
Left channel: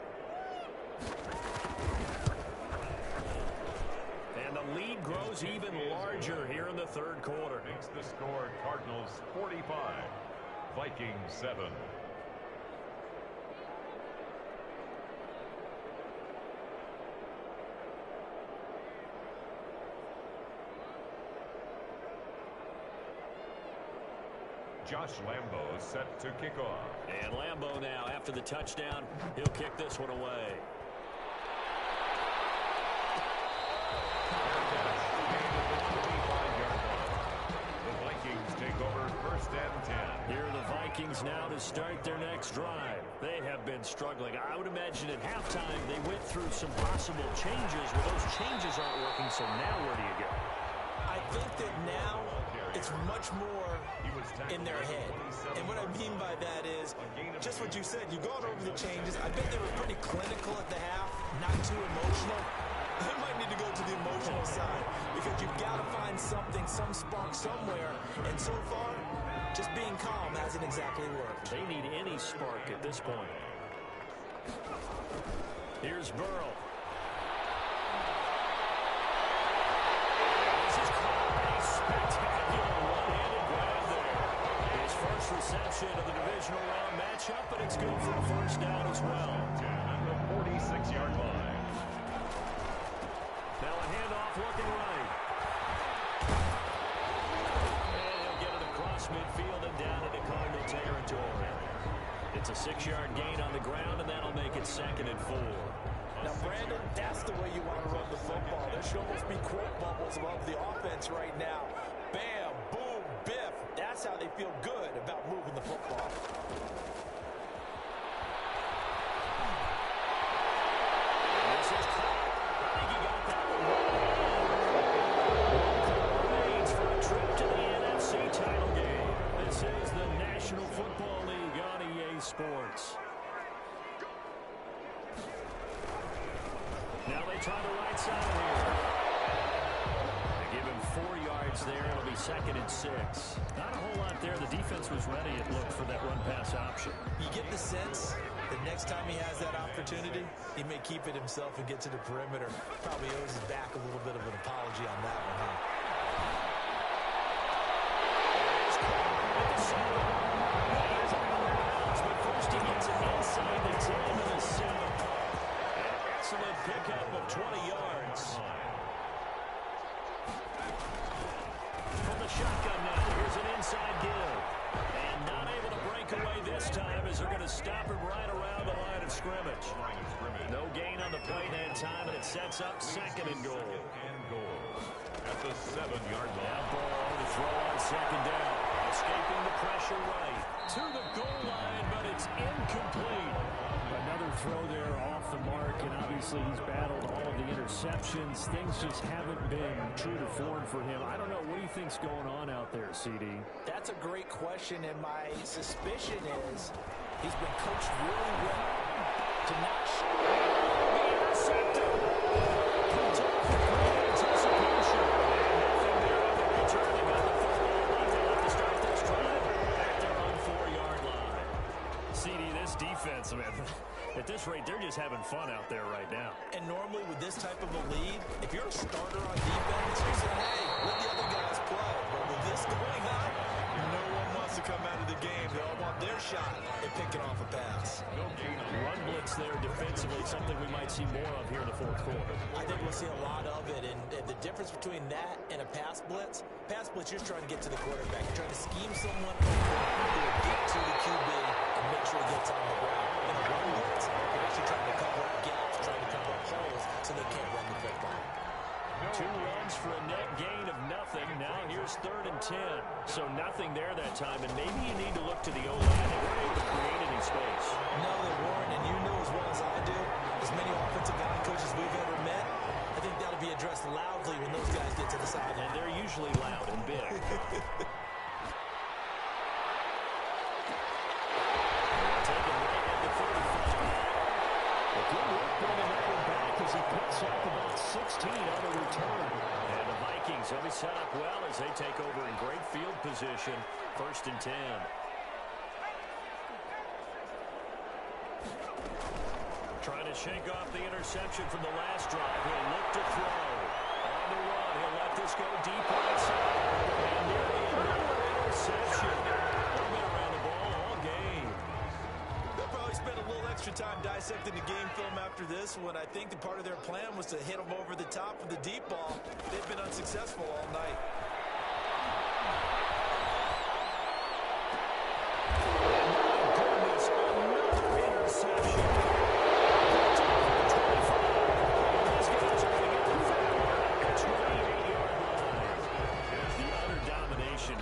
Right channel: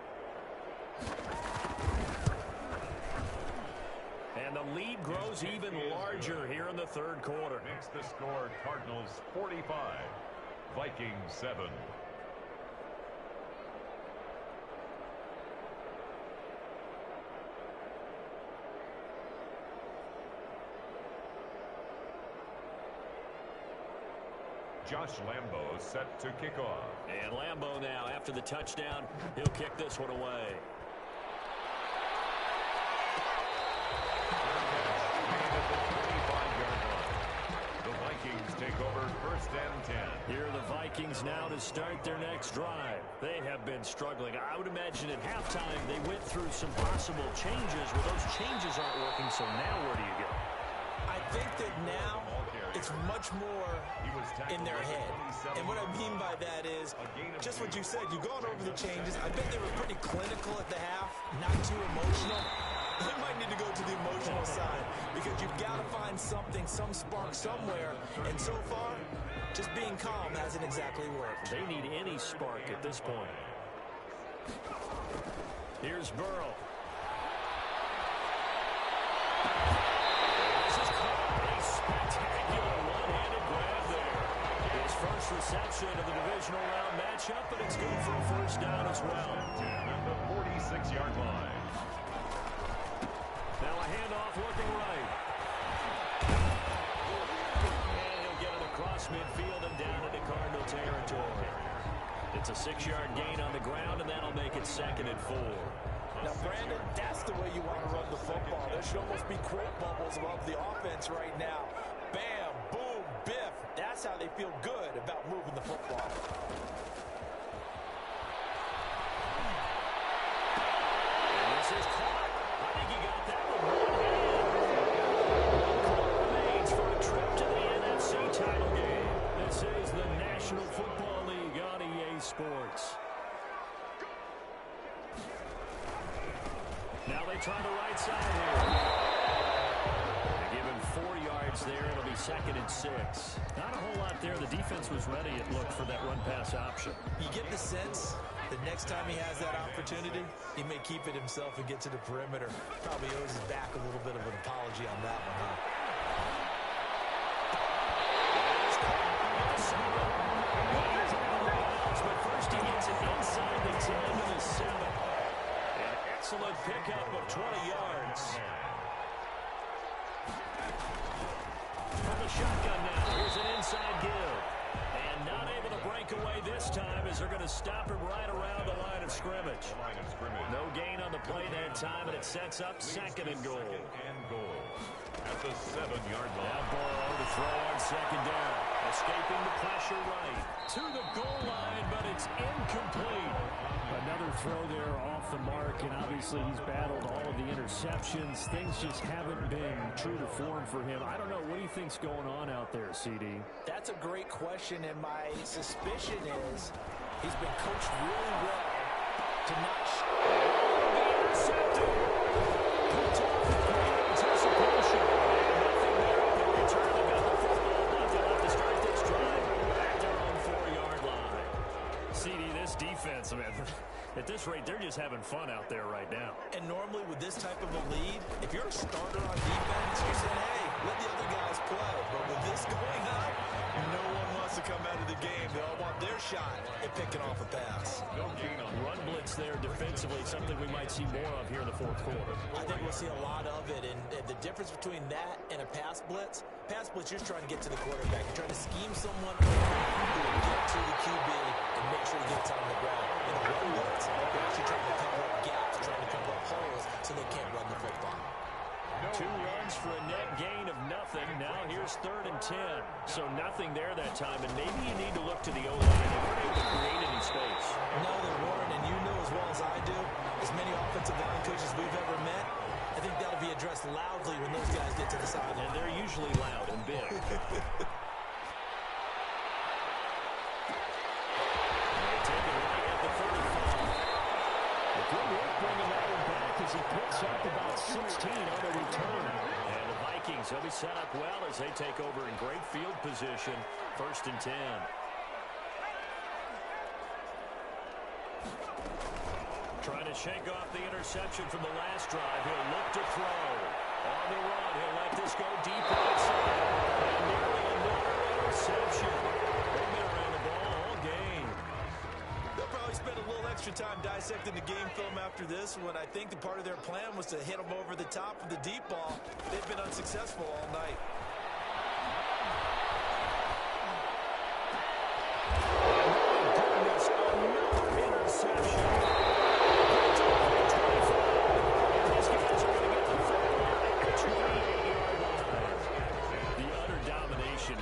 And the lead grows even larger here in the third quarter. Makes the score Cardinals 45, Vikings 7. Josh Lambo set to kick off. And Lambo now, after the touchdown, he'll kick this one away. The Vikings take over first and 10. Here are the Vikings now to start their next drive. They have been struggling. I would imagine at halftime they went through some possible changes. Well, those changes aren't working, so now where do you go? I think that now it's much more in their head. And what I mean by that is just what you said. You've gone over the changes. I bet they were pretty clinical at the half, not too emotional. They might need to go to the emotional side because you've got to find something, some spark somewhere. And so far, just being calm hasn't exactly worked. They need any spark at this point. Here's Burrow. This is caught. A spectacular one-handed grab there. His first reception of the divisional round matchup, but it's good for a first down as well. 10 at the 46-yard line. Now a handoff looking right. And he'll get it across midfield and down into Cardinal territory. It's a 6-yard gain on the ground, and that'll make it 2nd and 4. Now, Brandon, that's the way you want to run the football. There should almost be quote bubbles above the offense right now. Bam, boom, biff. That's how they feel good about moving the football. And this is caught. I think he got that with one hand. One call remains for a trip to the NFC title game. This is the National Football League on EA Sports. Now they try the right side here. They give him 4 yards there. It'll be 2nd and 6. Not a whole lot there. The defense was ready, it looked, for that run-pass option. You get the sense that next time he has that opportunity, he may keep it himself and get to the perimeter. Probably owes his back a little bit of an apology on that one, huh? It is caught at the 7. He is out of bounds, but first he gets it inside the 10 to the 7. An excellent pickup of 20 yards. From the shotgun now, here's an inside give. And not able to break away this time as they're going to stop him right around the line of scrimmage. No gain on the play that time, and it sets up 2nd and goal. At the 7-yard line. Now Burrow to throw on 2nd down. Escaping the pressure right to the goal line, but it's incomplete. Another throw there off the mark, and obviously he's battled all of the interceptions. Things just haven't been true to form for him. I don't know. What do you think's going on out there, CD? That's a great question, and my suspicion is he's been coached really well to not be intercepted. Picked off with great anticipation. And nothing there on the return. They got the football, but they'll have to start this drive at their own 4-yard line. CD, this defense, man, at this rate, they're just having fun out there right now. And normally with this type of a lead, if you're a starter on defense, you're saying, hey, let the other guys play. But with this going on, no one wants to come out of the game. They all want their shot at picking off a pass. No gain on Run blitz there defensively, something we might see more of here in the 4th quarter. I think we'll see a lot of it. And the difference between that and a pass blitz, you're just trying to get to the quarterback. You're trying to scheme someone open who will get to the QB and make sure he gets on the ground. In a run blitz, you're actually trying to cover up gaps, trying to cover up holes so they can't run the football. 2 runs for a net gain of nothing. Now here's 3rd and 10. So nothing there that time, and maybe you need to look to the O-line. They weren't able to create any space. No, they weren't, and you know as well as I do, as many offensive line coaches we've ever met, think that'll be addressed loudly when those guys get to the sideline. And they're usually loud and big. Taken right at the 35. Good work bringing that one back as he picks up about 16 on the return. And the Vikings will be set up well as they take over in great field position. 1st and 10. Trying to shake off the interception from the last drive. He'll look to throw. On the run, he'll let this go deep right side. And nearly another interception. They've been around the ball all game. They'll probably spend a little extra time dissecting the game film after this one. I think the part of their plan was to hit them over the top of the deep ball. They've been unsuccessful all night. My goodness, another interception.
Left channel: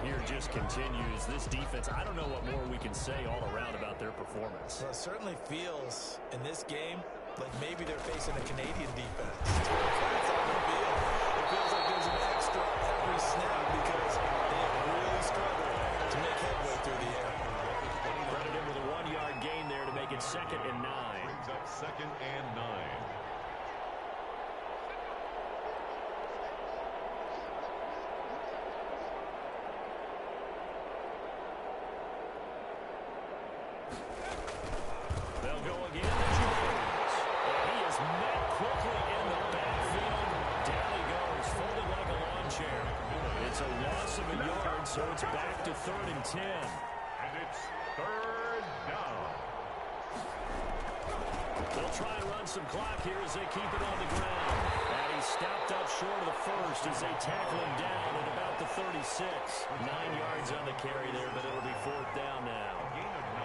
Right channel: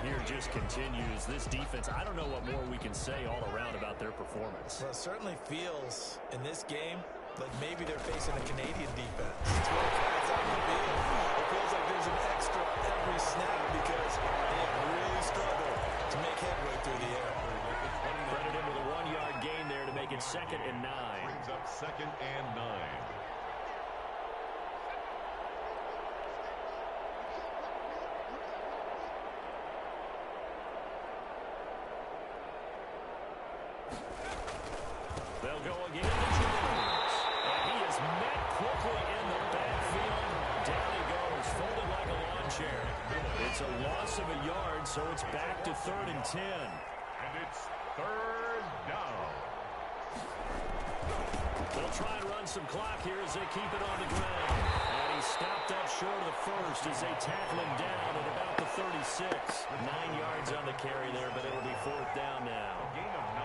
Here just continues. This defense, I don't know what more we can say all around about their performance. Well, it certainly feels in this game like maybe they're facing a Canadian defense. 12 guys on the field. It feels like there's an extra every snap because they have really struggled to make headway through the air. Credit him with a 1-yard gain there to make it 2nd and 9. Brings up 2nd and 9. They'll go again to Jones. And he is met quickly in the backfield. Down he goes, folded like a lawn chair. It's a loss of a yard, so it's back to 3rd and 10. And it's 3rd down. They'll try and run some clock here as they keep it on the ground. And he stopped up short of the first as they tackle him down at about the 36. 9 yards on the carry there, but it'll be 4th down now.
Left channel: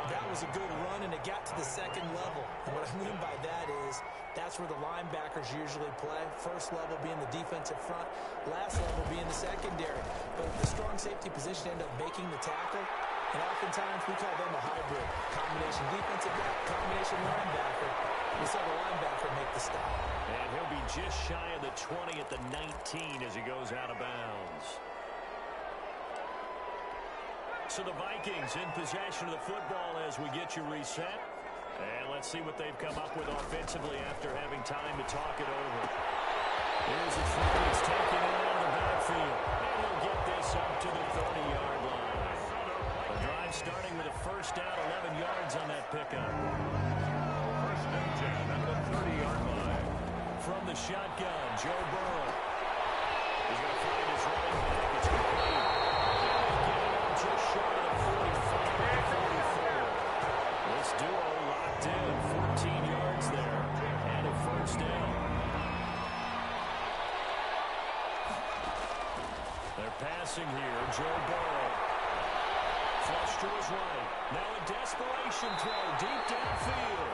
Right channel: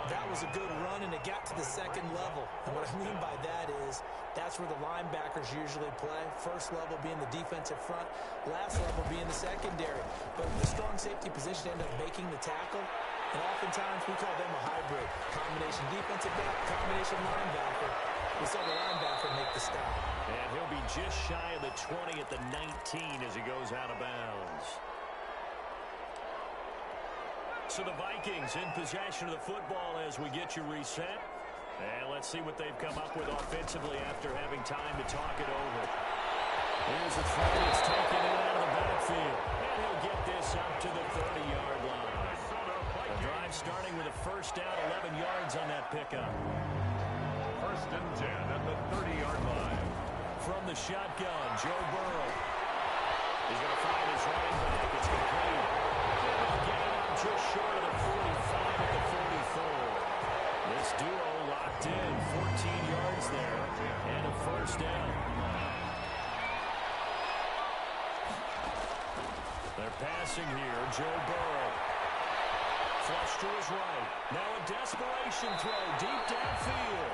That was a good run, and it got to the 2nd level. And what I mean by that is that's where the linebackers usually play. First level being the defensive front, last level being the secondary. But the strong safety position ended up making the tackle, and oftentimes we call them a hybrid. Combination defensive back, combination linebacker. We saw the linebacker make the stop. And he'll be just shy of the 20 at the 19 as he goes out of bounds. So the Vikings in possession of the football as we get you reset. And let's see what they've come up with offensively after having time to talk it over. Here's a throw that's taken in out of the backfield. And he'll get this up to the 30-yard line. The drive starting with a 1st down, 11 yards on that pickup. 1st and 10 at the 30-yard line. From the shotgun, Joe Burrow. He's going to find his running back. It's complete. And he'll get it up just short of the 45 at the 44. This duo locked in. 14 yards there. And a 1st down. They're passing here. Joe Burrow. Flush to his right. Now a desperation throw deep downfield.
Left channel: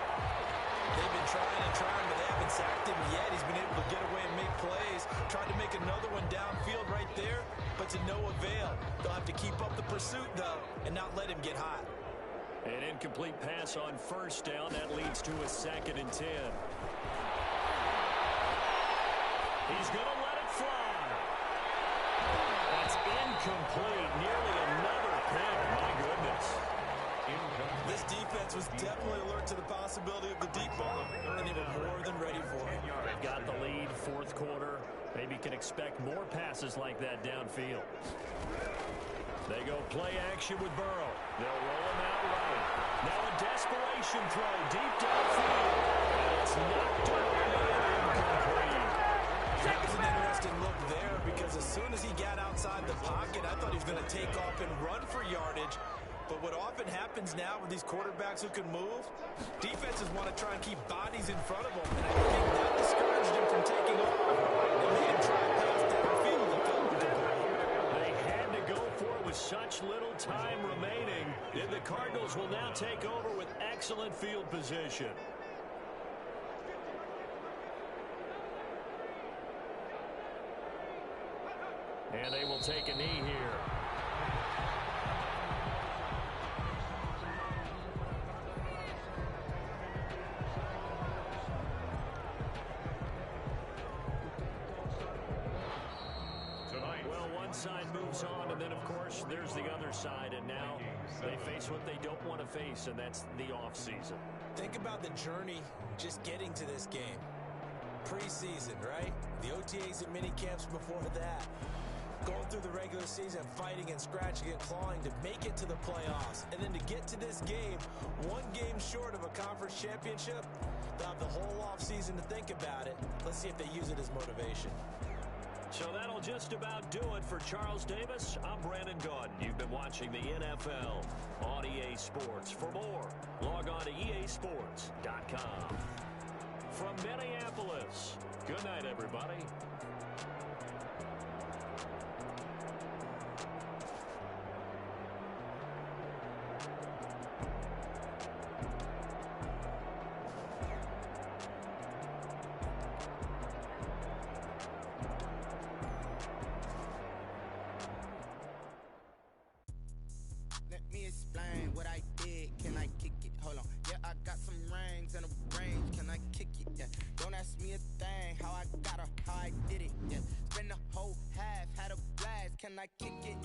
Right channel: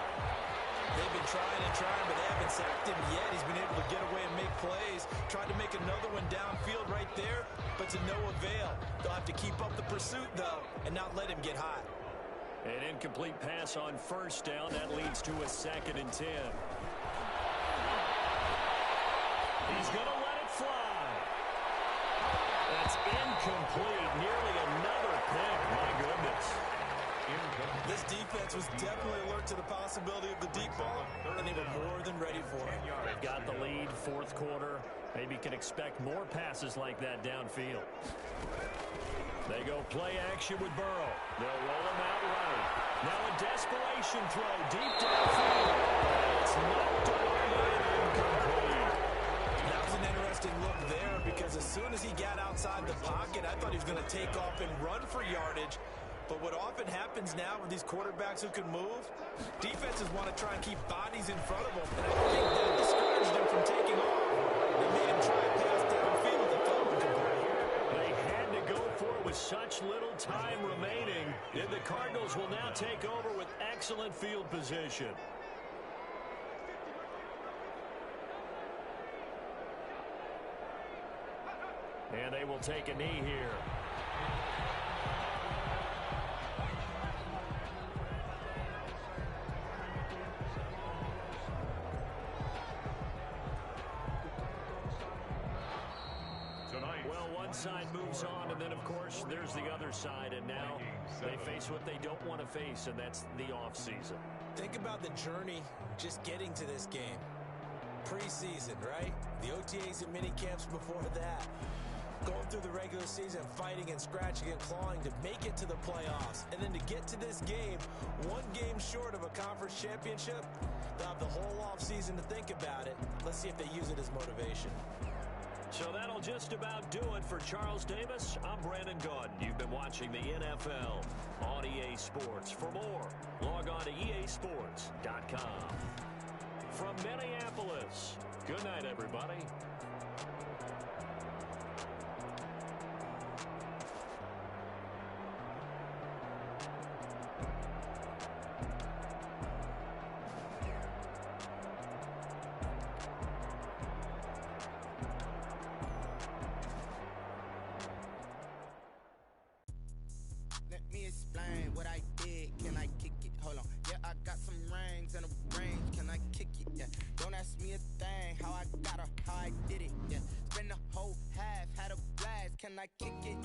They've been trying and trying, but they haven't sacked him yet. He's been able to get away and make plays. Tried to make another one downfield right there, but to no avail. They'll have to keep up the pursuit, though, and not let him get hot. An incomplete pass on 1st down. That leads to a 2nd and 10. He's going to let it fly. That's incomplete. Nearly another pick. My goodness. This defense was definitely alert to the possibility of the deep ball, and they were more than ready for it. They've got the lead, 4th quarter. Maybe can expect more passes like that downfield. They go play action with Burrow. They'll roll him out right. Now a desperation throw deep downfield. And it's knocked away and incomplete. That was an interesting look there because as soon as he got outside the pocket, I thought he was going to take off and run for yardage. But what often happens now with these quarterbacks who can move, defenses want to try and keep bodies in front of them. And I think that discouraged him from taking off. It made him try and pass downfield and felt incomplete. They had to go for it with such little time remaining. And the Cardinals will now take over with excellent field position. And they will take a knee here. one side moves on, and then, of course, there's the other side, and now they face what they don't want to face, and that's the offseason. Think about the journey just getting to this game. Preseason, right? The OTAs and mini camps before that. Going through the regular season, fighting and scratching and clawing to make it to the playoffs. And then to get to this game, one game short of a conference championship, they'll have the whole offseason to think about it. Let's see if they use it as motivation. So that'll just about do it for Charles Davis. I'm Brandon Gaudin. You've been watching the NFL on EA Sports. For more, log on to easports.com. From Minneapolis, good night, everybody. Let me explain what I did. Can I kick it? Hold on. Yeah, I got some rings and a range. Can I kick it? Yeah. Don't ask me a thing. How I got her, how I did it. Yeah. Spend the whole half, had a blast. Can I kick it?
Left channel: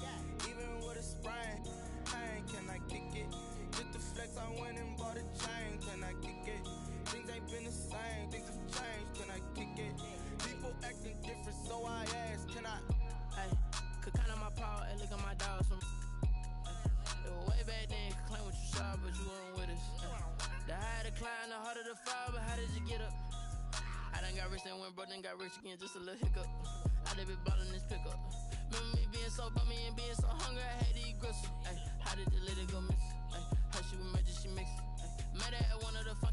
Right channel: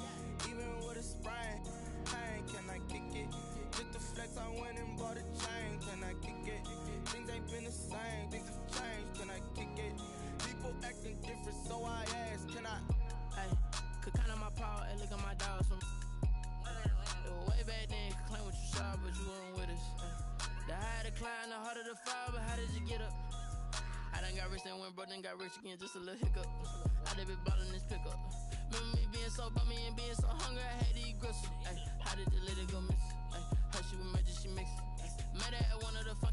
Even with a sprain. Pain, can I kick it? Just the flex, I went and bought a chain. Can I kick it? Things ain't been the same. Things have changed. Can I kick it? People acting different, so I ask. Can I? Hey, could count on my power and look at my dogs from. Way back then, could claim what you saw, but you weren't with us. The higher the climb, the harder the fall, but how did you get up? I done got rich, then went broke, then got rich again, just a little hiccup. I done been ballin' this pickup. Remember me being so bummy and being so hungry, I had to eat gristle. How did the lady go miss? How she was magic, she mixed. Met her at one of the